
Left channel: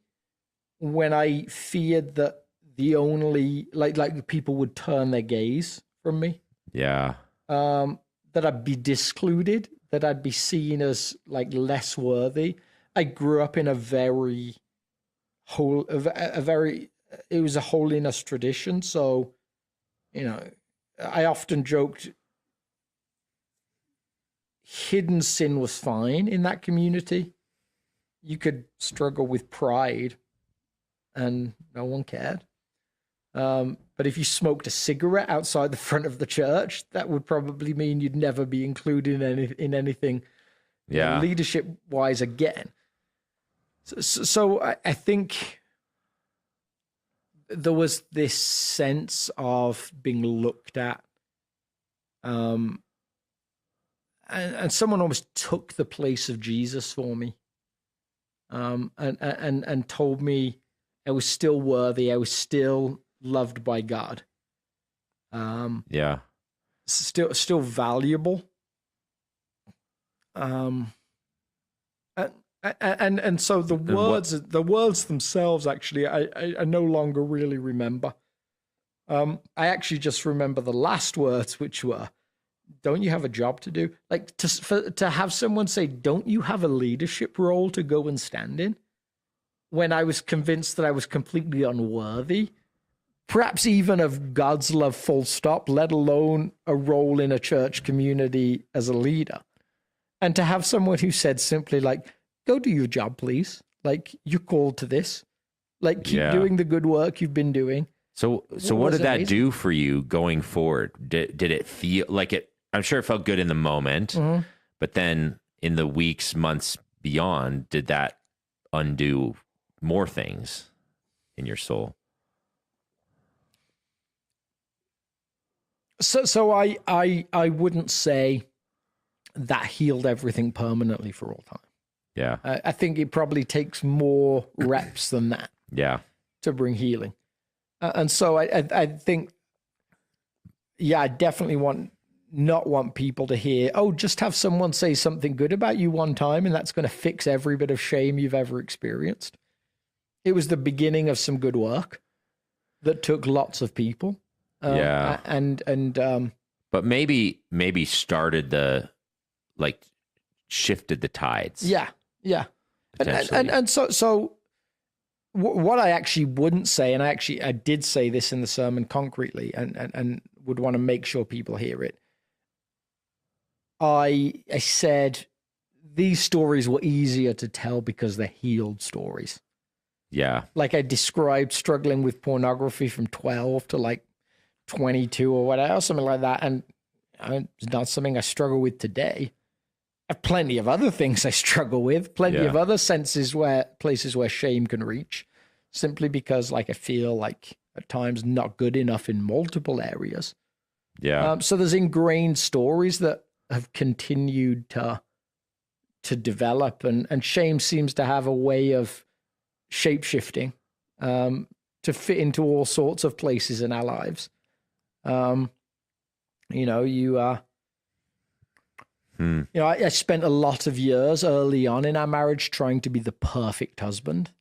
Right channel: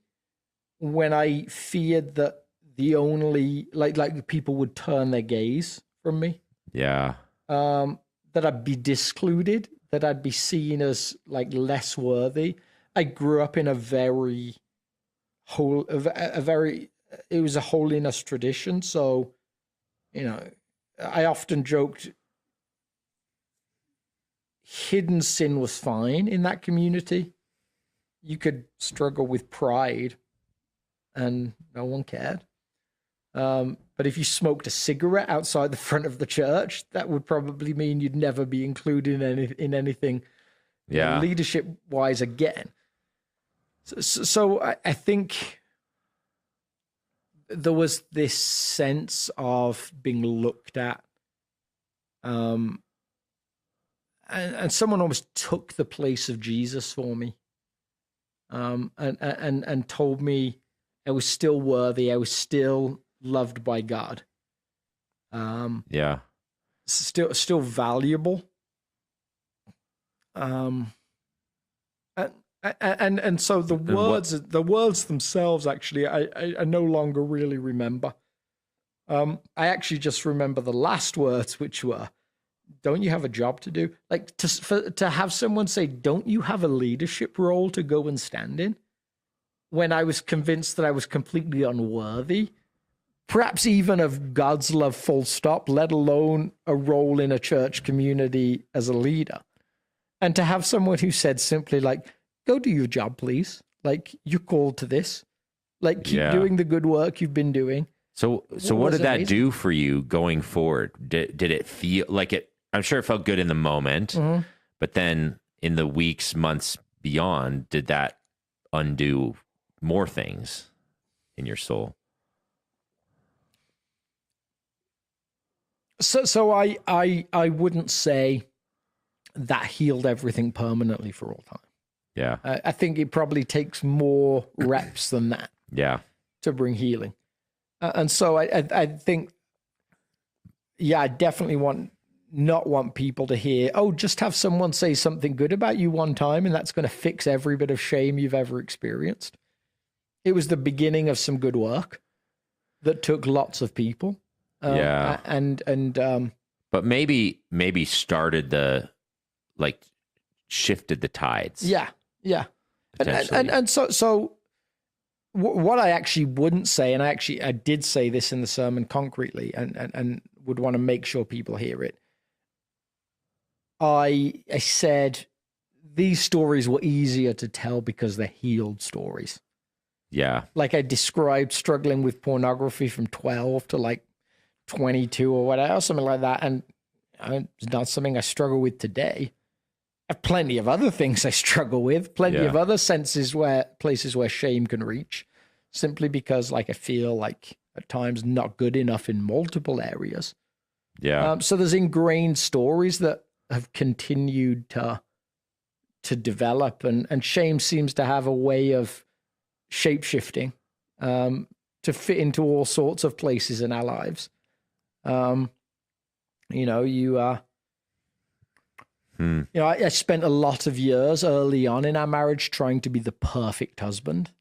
when I feared that the only like people would turn their gaze from me. Yeah. That I'd be discluded, that I'd be seen as like less worthy. I grew up in it was a holiness tradition, so I often joked hidden sin was fine in that community. You could struggle with pride and no one cared. But if you smoked a cigarette outside the front of the church, that would probably mean you'd never be included in anything leadership-wise again. So I think there was this sense of being looked at, and someone almost took the place of Jesus for me, and told me I was still worthy, I was still loved by God, still valuable, and so the words themselves, actually, I no longer really remember. I actually just remember the last words, which were, "Don't you have a job to do?" Like to have someone say, "Don't you have a leadership role to go and stand in?" When I was convinced that I was completely unworthy, perhaps even of God's love, full stop, let alone a role in a church community as a leader. And to have someone who said simply like, "Go do your job, please. Like, you're called to this. Like, keep doing the good work you've been doing." So what did that do for you going forward? Did it feel like it? I'm sure it felt good in the moment, but then in the weeks, months beyond, did that undo more things in your soul? So I wouldn't say that healed everything permanently for all time. Yeah. I think it probably takes more reps than that. Yeah. To bring healing. And so I think, I definitely not want people to hear, "Oh, just have someone say something good about you one time and that's going to fix every bit of shame you've ever experienced." It was the beginning of some good work that took lots of people. But maybe started shifted the tides. Yeah. And so what I actually wouldn't say, and I did say this in the sermon concretely, and would want to make sure people hear it. I said these stories were easier to tell because they're healed stories. Yeah. Like I described struggling with pornography from 12 to like 22 or whatever, something like that. And it's not something I struggle with today. I have plenty of other things I struggle with, plenty of other places where shame can reach, simply because like I feel like at times not good enough in multiple areas. Yeah. So there's ingrained stories that have continued to develop, and shame seems to have a way of shape-shifting to fit into all sorts of places in our lives. I spent a lot of years early on in our marriage trying to be the perfect husband,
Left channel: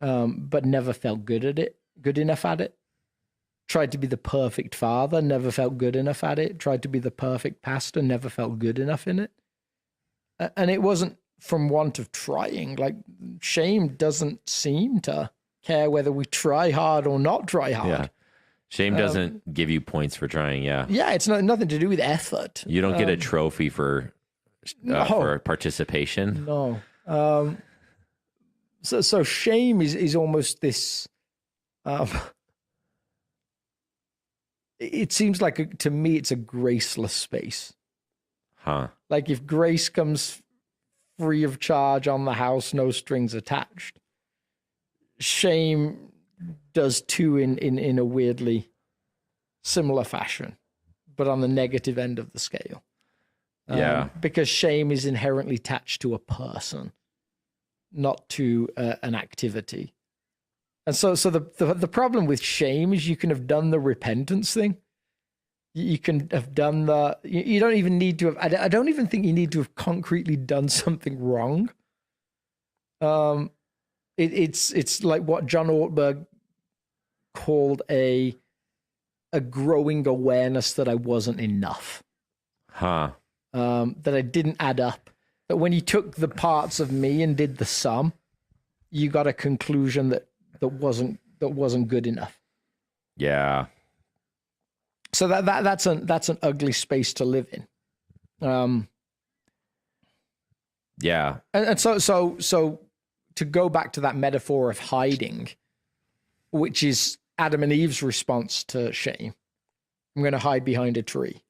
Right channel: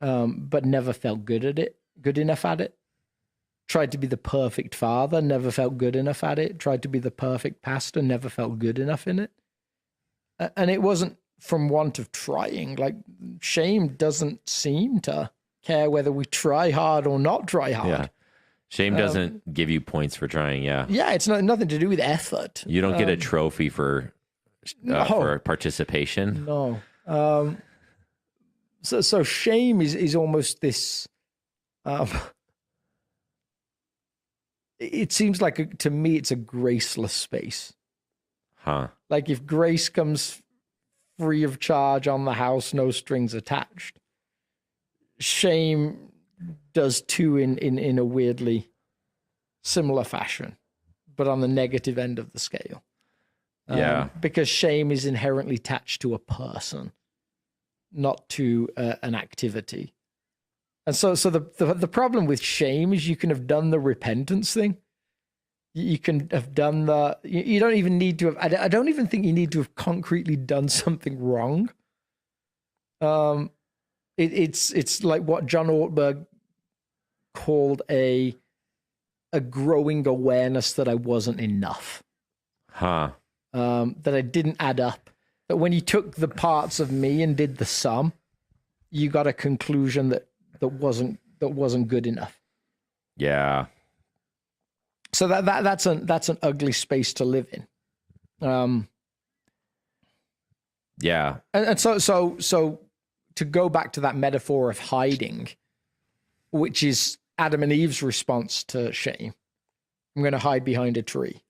but never felt good enough at it. Tried to be the perfect father, never felt good enough at it. Tried to be the perfect pastor, never felt good enough in it. And it wasn't from want of trying. Like, shame doesn't seem to care whether we try hard or not try hard. Yeah. Shame doesn't give you points for trying. Yeah. Yeah. It's nothing to do with effort. You don't get a trophy for participation. No. So shame is almost this, it seems like to me, it's a graceless space. Huh. Like if grace comes free of charge on the house, no strings attached, shame does too in a weirdly similar fashion, but on the negative end of the scale. Because shame is inherently attached to a person, not to an activity. And so the problem with shame is you can have done the repentance thing. You can have done you don't even need to have, I don't even think you need to have concretely done something wrong. It's like what John Ortberg called a growing awareness that I wasn't enough. That I didn't add up. That when you took the parts of me and did the sum, you got a conclusion that wasn't good enough. Yeah. So that's an ugly space to live in. Yeah. And so to go back to that metaphor of hiding, which is Adam and Eve's response to shame. I'm going to hide behind a tree.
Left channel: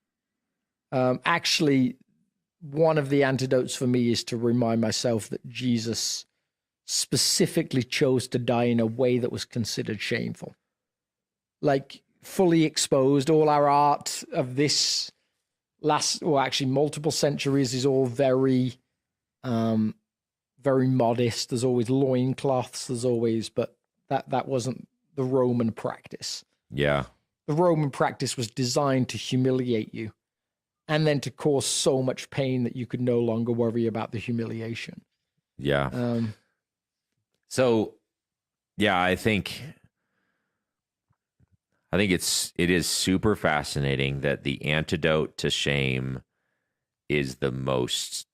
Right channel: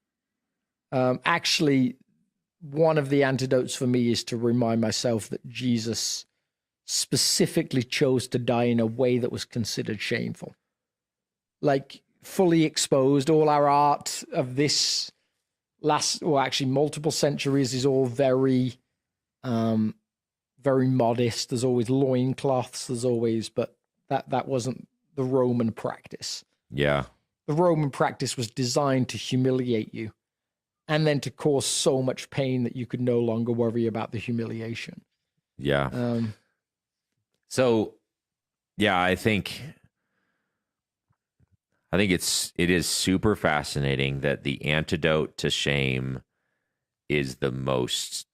Actually, one of the antidotes for me is to remind myself that Jesus specifically chose to die in a way that was considered shameful. Like fully exposed, all our art of this multiple centuries is all very, very modest. There's always loincloths, but that wasn't the Roman practice. Yeah. The Roman practice was designed to humiliate you and then to cause so much pain that you could no longer worry about the humiliation. Yeah. I think I think it is super fascinating that the antidote to shame is the most,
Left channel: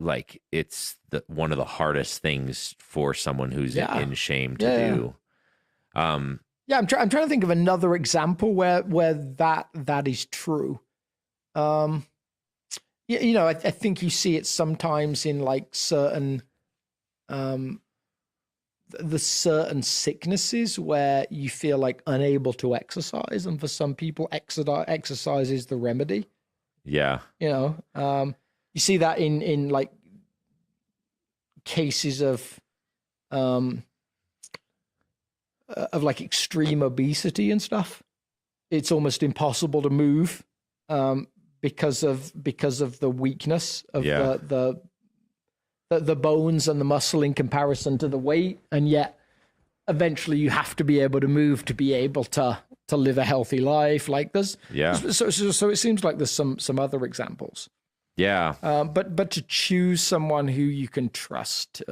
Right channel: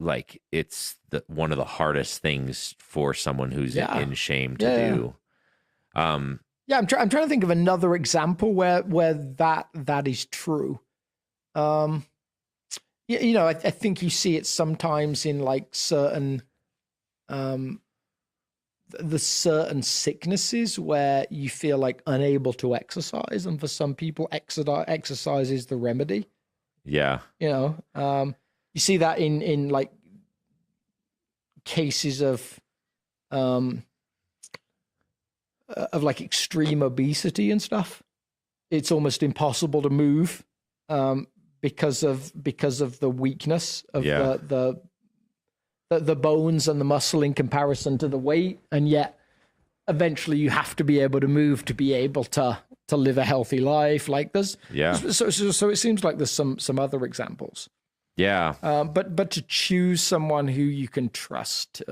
like, it's one of the hardest things for someone who's in shame to do. I'm trying to think of another example where that is true. I think you see it sometimes in like certain the certain sicknesses where you feel like unable to exercise, and for some people exercise is the remedy. Yeah. You see that in like cases of like extreme obesity and stuff. It's almost impossible to move because of the weakness of the bones and the muscle in comparison to the weight, and yet eventually you have to be able to move to be able to live a healthy life. Like there's so it seems like there's some other examples. But to choose someone who you can trust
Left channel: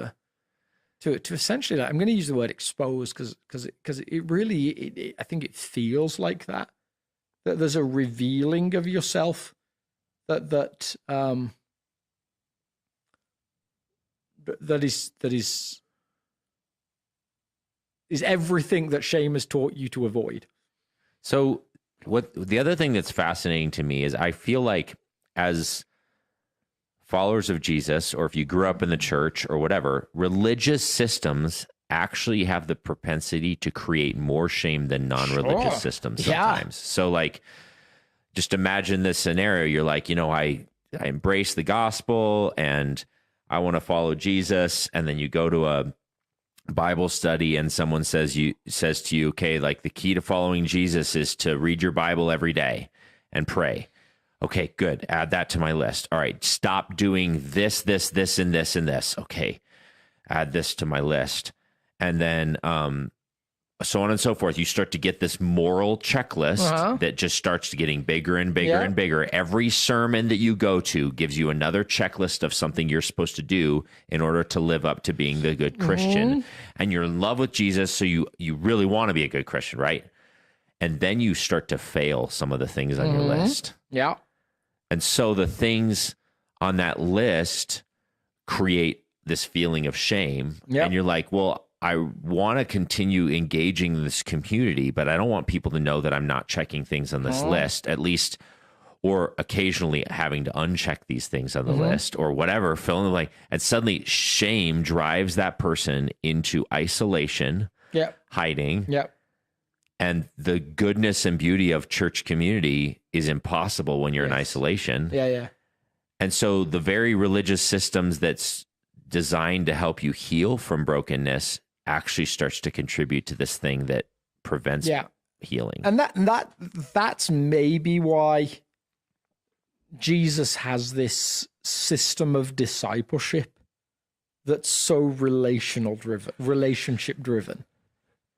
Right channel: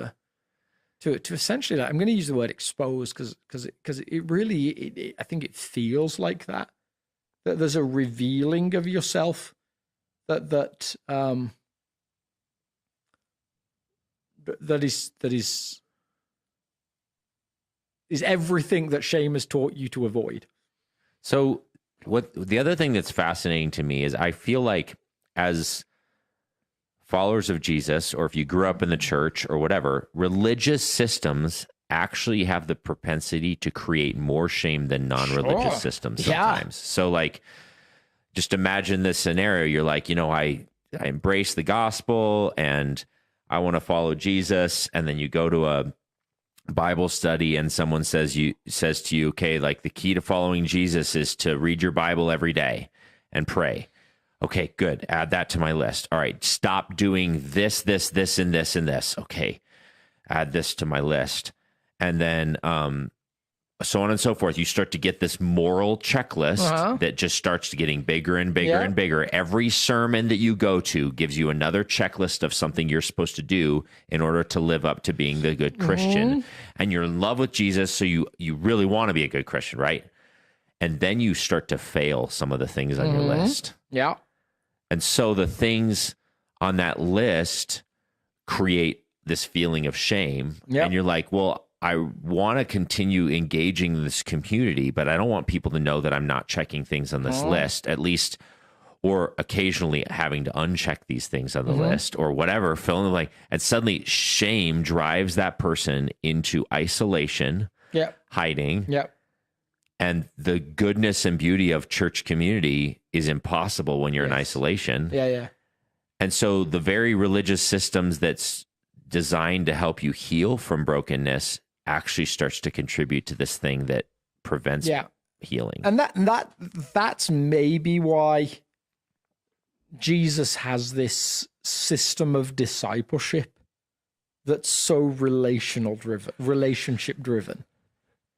to essentially, I'm going to use the word expose because it really I think it feels like that there's a revealing of yourself that is everything that shame has taught you to avoid. So what the other thing that's fascinating to me is I feel like as followers of Jesus, or if you grew up in the church or whatever, religious systems actually have the propensity to create more shame than non-religious systems sometimes. So like, just imagine this scenario. You're like, I embrace the gospel and I want to follow Jesus. And then you go to a Bible study and someone says to you, okay, like the key to following Jesus is to read your Bible every day and pray. Okay, good. Add that to my list. All right. Stop doing this, and this. Okay. Add this to my list. And then, so on and so forth. You start to get this moral checklist that just starts getting bigger and bigger and bigger. Every sermon that you go to gives you another checklist of something you're supposed to do in order to live up to being the good Christian. And you're in love with Jesus, so you really want to be a good Christian, right? And then you start to fail some of the things on your list. Yeah. And so the things on that list create this feeling of shame. Yep. And you're like, well, I want to continue engaging in this community, but I don't want people to know that I'm not checking things on this list, at least, or occasionally having to uncheck these things on the list or whatever, fill in the blank. And suddenly shame drives that person into isolation, hiding. And the goodness and beauty of church community is impossible when you're in isolation. And so the very religious systems that's designed to help you heal from brokenness actually starts to contribute to this thing that prevents healing. And that's maybe why Jesus has this system of discipleship that's so relationship driven.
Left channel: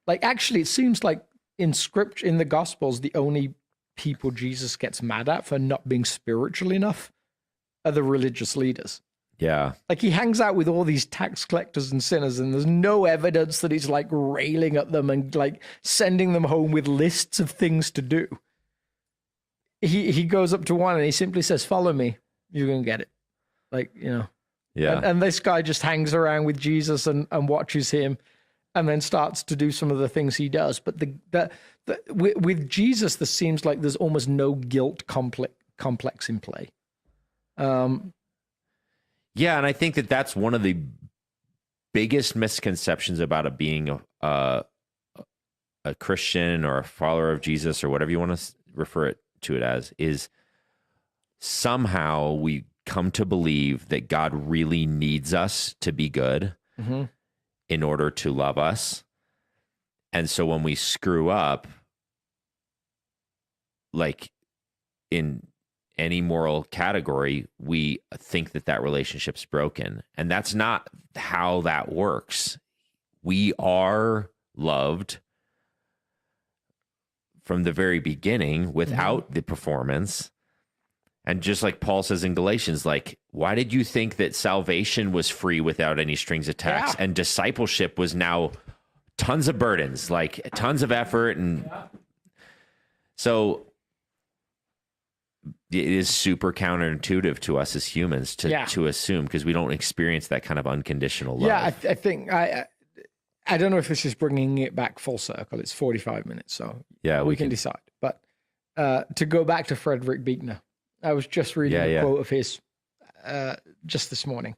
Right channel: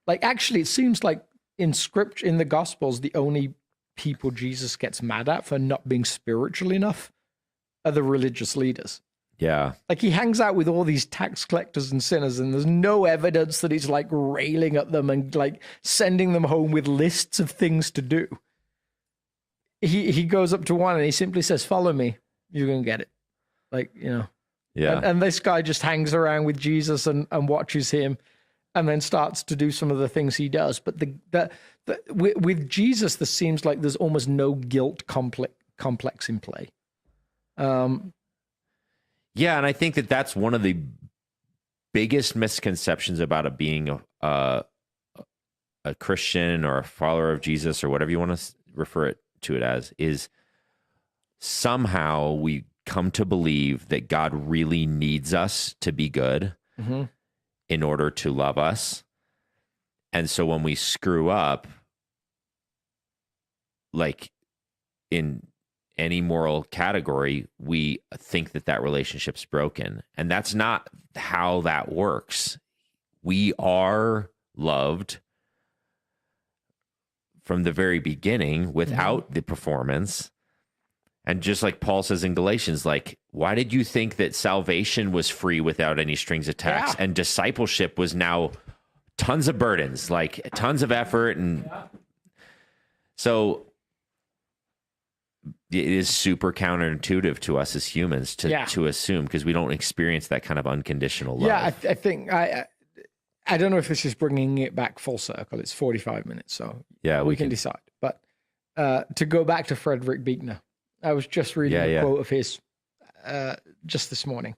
Like, actually, it seems like in scripture, in the Gospels, the only people Jesus gets mad at for not being spiritual enough are the religious leaders. Like, he hangs out with all these tax collectors and sinners, and there's no evidence that he's like railing at them and like sending them home with lists of things to do. He goes up to one and he simply says, "Follow me, you're gonna get it." Like, and this guy just hangs around with Jesus and watches him, and then starts to do some of the things he does. But with Jesus, there seems like there's almost no guilt complex in play. And I think that that's one of the biggest misconceptions about it being a Christian or a follower of Jesus or whatever you want to refer to it as, is somehow we come to believe that God really needs us to be good in order to love us. And so when we screw up, like in any moral category, we think that relationship's broken. And that's not how that works. We are loved from the very beginning without the performance. And just like Paul says in Galatians, like, why did you think that salvation was free without any strings attached? And discipleship was now tons of burdens, like tons of effort and So it is super counterintuitive to us as humans to assume, because we don't experience that kind of unconditional love. Yeah, I think I don't know if this is bringing it back full circle. It's 45 minutes, so yeah, we can decide. But to go back to Frederick Buechner, I was just reading a quote of his just this morning.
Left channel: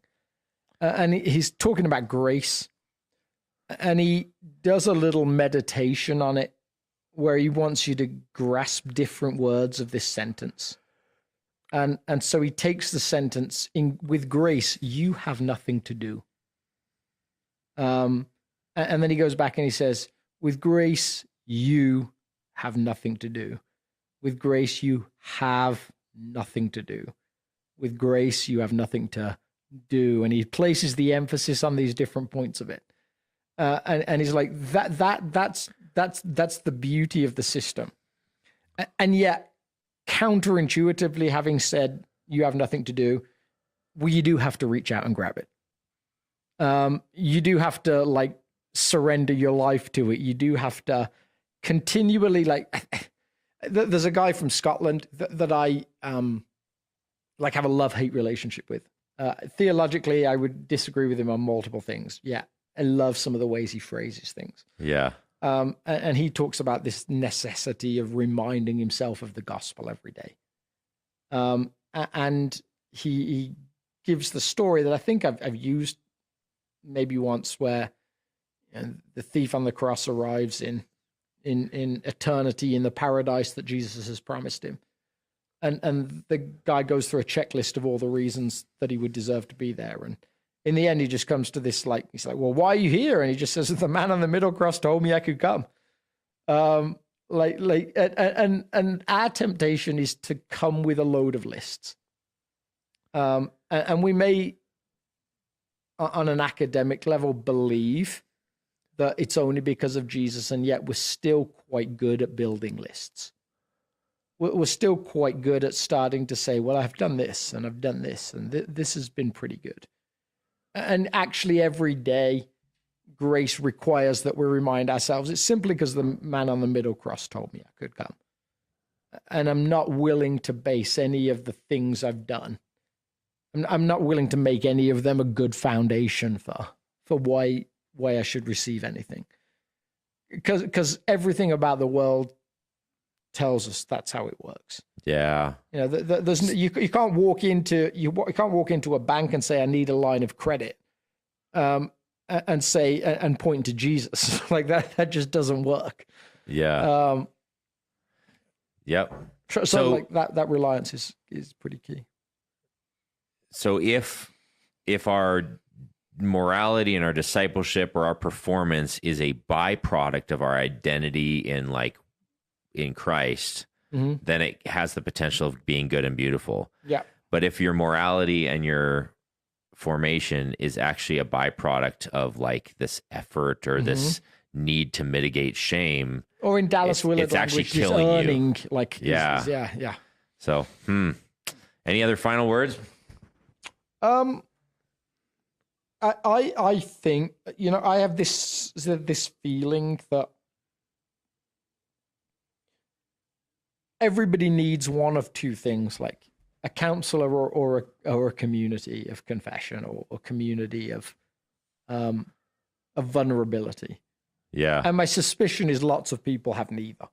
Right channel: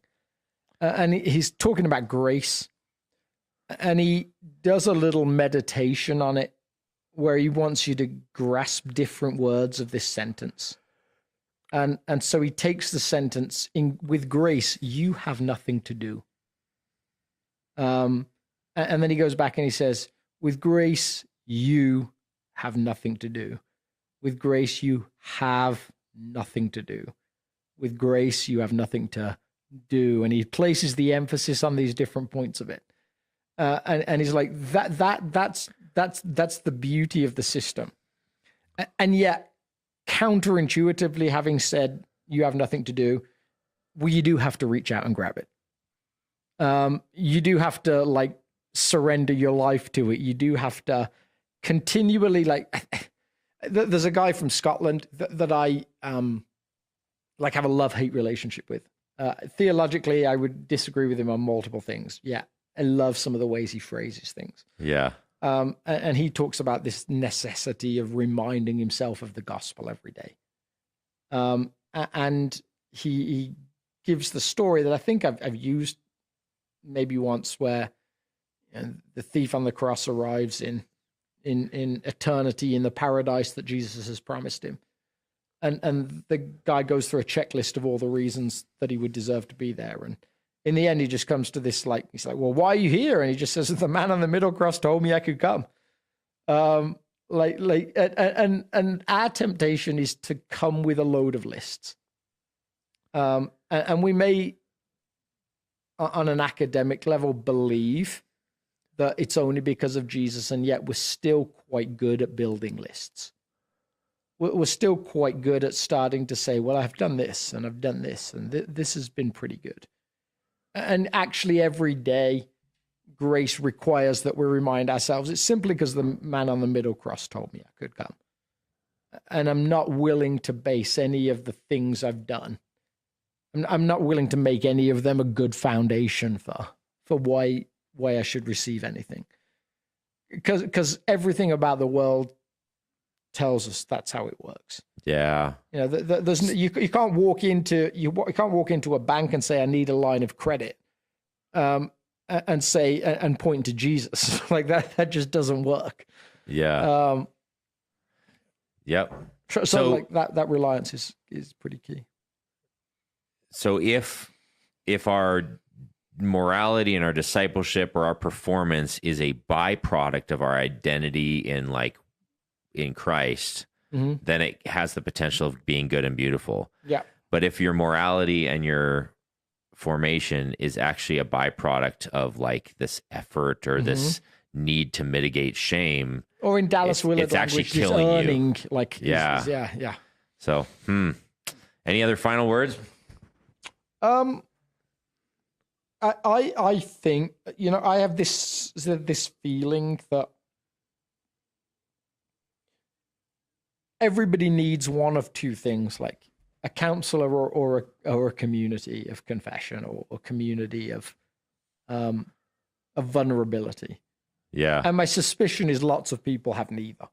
And he's talking about grace. And he does a little meditation on it where he wants you to grasp different words of this sentence. And so he takes the sentence, with grace, you have nothing to do. And then he goes back and he says, with grace, you have nothing to do. With grace, you have nothing to do. With grace, you have nothing to do. And he places the emphasis on these different points of it. And he's like, that's the beauty of the system. And yet, counterintuitively, having said you have nothing to do, well, you do have to reach out and grab it. You do have to like surrender your life to it. You do have to continually there's a guy from Scotland that I have a love-hate relationship with. Theologically, I would disagree with him on multiple things. Yeah, I love some of the ways he phrases things. Yeah. And he talks about this necessity of reminding himself of the gospel every day. And he gives the story that I think I've used maybe once, where the thief on the cross arrives in eternity in the paradise that Jesus has promised him. And the guy goes through a checklist of all the reasons that he would deserve to be there. And in the end, he just comes to this, he's like, well, why are you here? And he just says, the man on the middle cross told me I could come. And our temptation is to come with a load of lists. And we may, on an academic level, believe that it's only because of Jesus, and yet we're still quite good at building lists. We're still quite good at starting to say, well, I've done this, and I've done this, and this has been pretty good. And actually, every day, grace requires that we remind ourselves, it's simply because the man on the middle cross told me I could come. And I'm not willing to base any of the things I've done. I'm not willing to make any of them a good foundation for why I should receive anything. Because everything about the world tells us that's how it works. Yeah. You know, you can't walk into a bank and say I need a line of credit, and point to Jesus like that. That just doesn't work. Yeah. Yep. So like that reliance is pretty key. So if our morality and our discipleship or our performance is a byproduct of our identity in Christ, mm-hmm. then it has the potential of being good and beautiful. Yeah. But if your morality and your formation is actually a byproduct of this effort or mm-hmm. this need to mitigate shame, or in Dallas Willard, it's actually killing earning, you. Yeah. So, any other final words? I think, I have this feeling that everybody needs one of two things, like a counselor or a community of confession or community of vulnerability. Yeah. And my suspicion is lots of people have neither.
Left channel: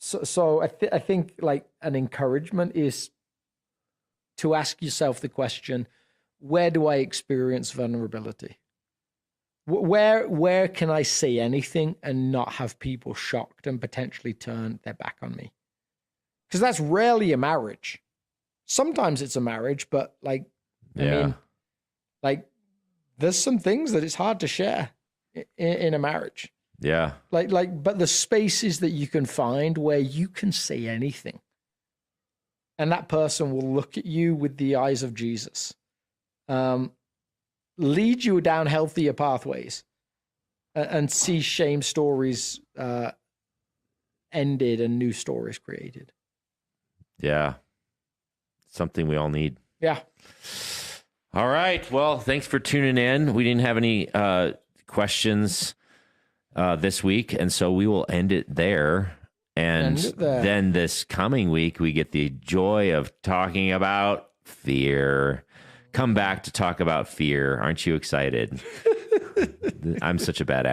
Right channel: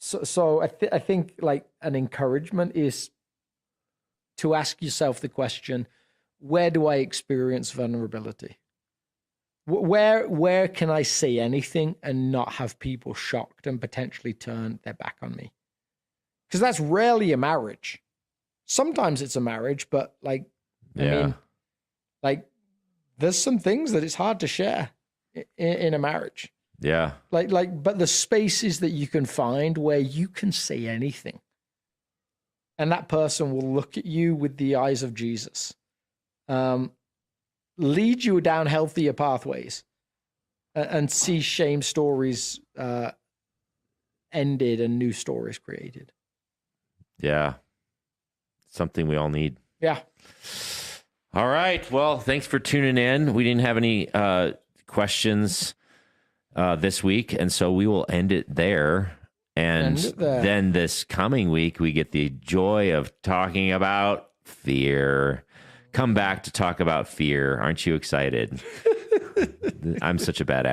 So I think an encouragement is to ask yourself the question, where do I experience vulnerability? Where can I say anything and not have people shocked and potentially turn their back on me? Because that's rarely a marriage. Sometimes it's a marriage, but there's some things that it's hard to share in a marriage. Yeah. But the spaces that you can find where you can say anything, and that person will look at you with the eyes of Jesus, lead you down healthier pathways, and see shame stories ended and new stories created. Yeah. Something we all need. Yeah. All right. Well, thanks for tuning in. We didn't have any questions this week, and so we will end it there. And then this coming week, we get the joy of talking about fear. Come back to talk about fear. Aren't you excited? I'm such a bad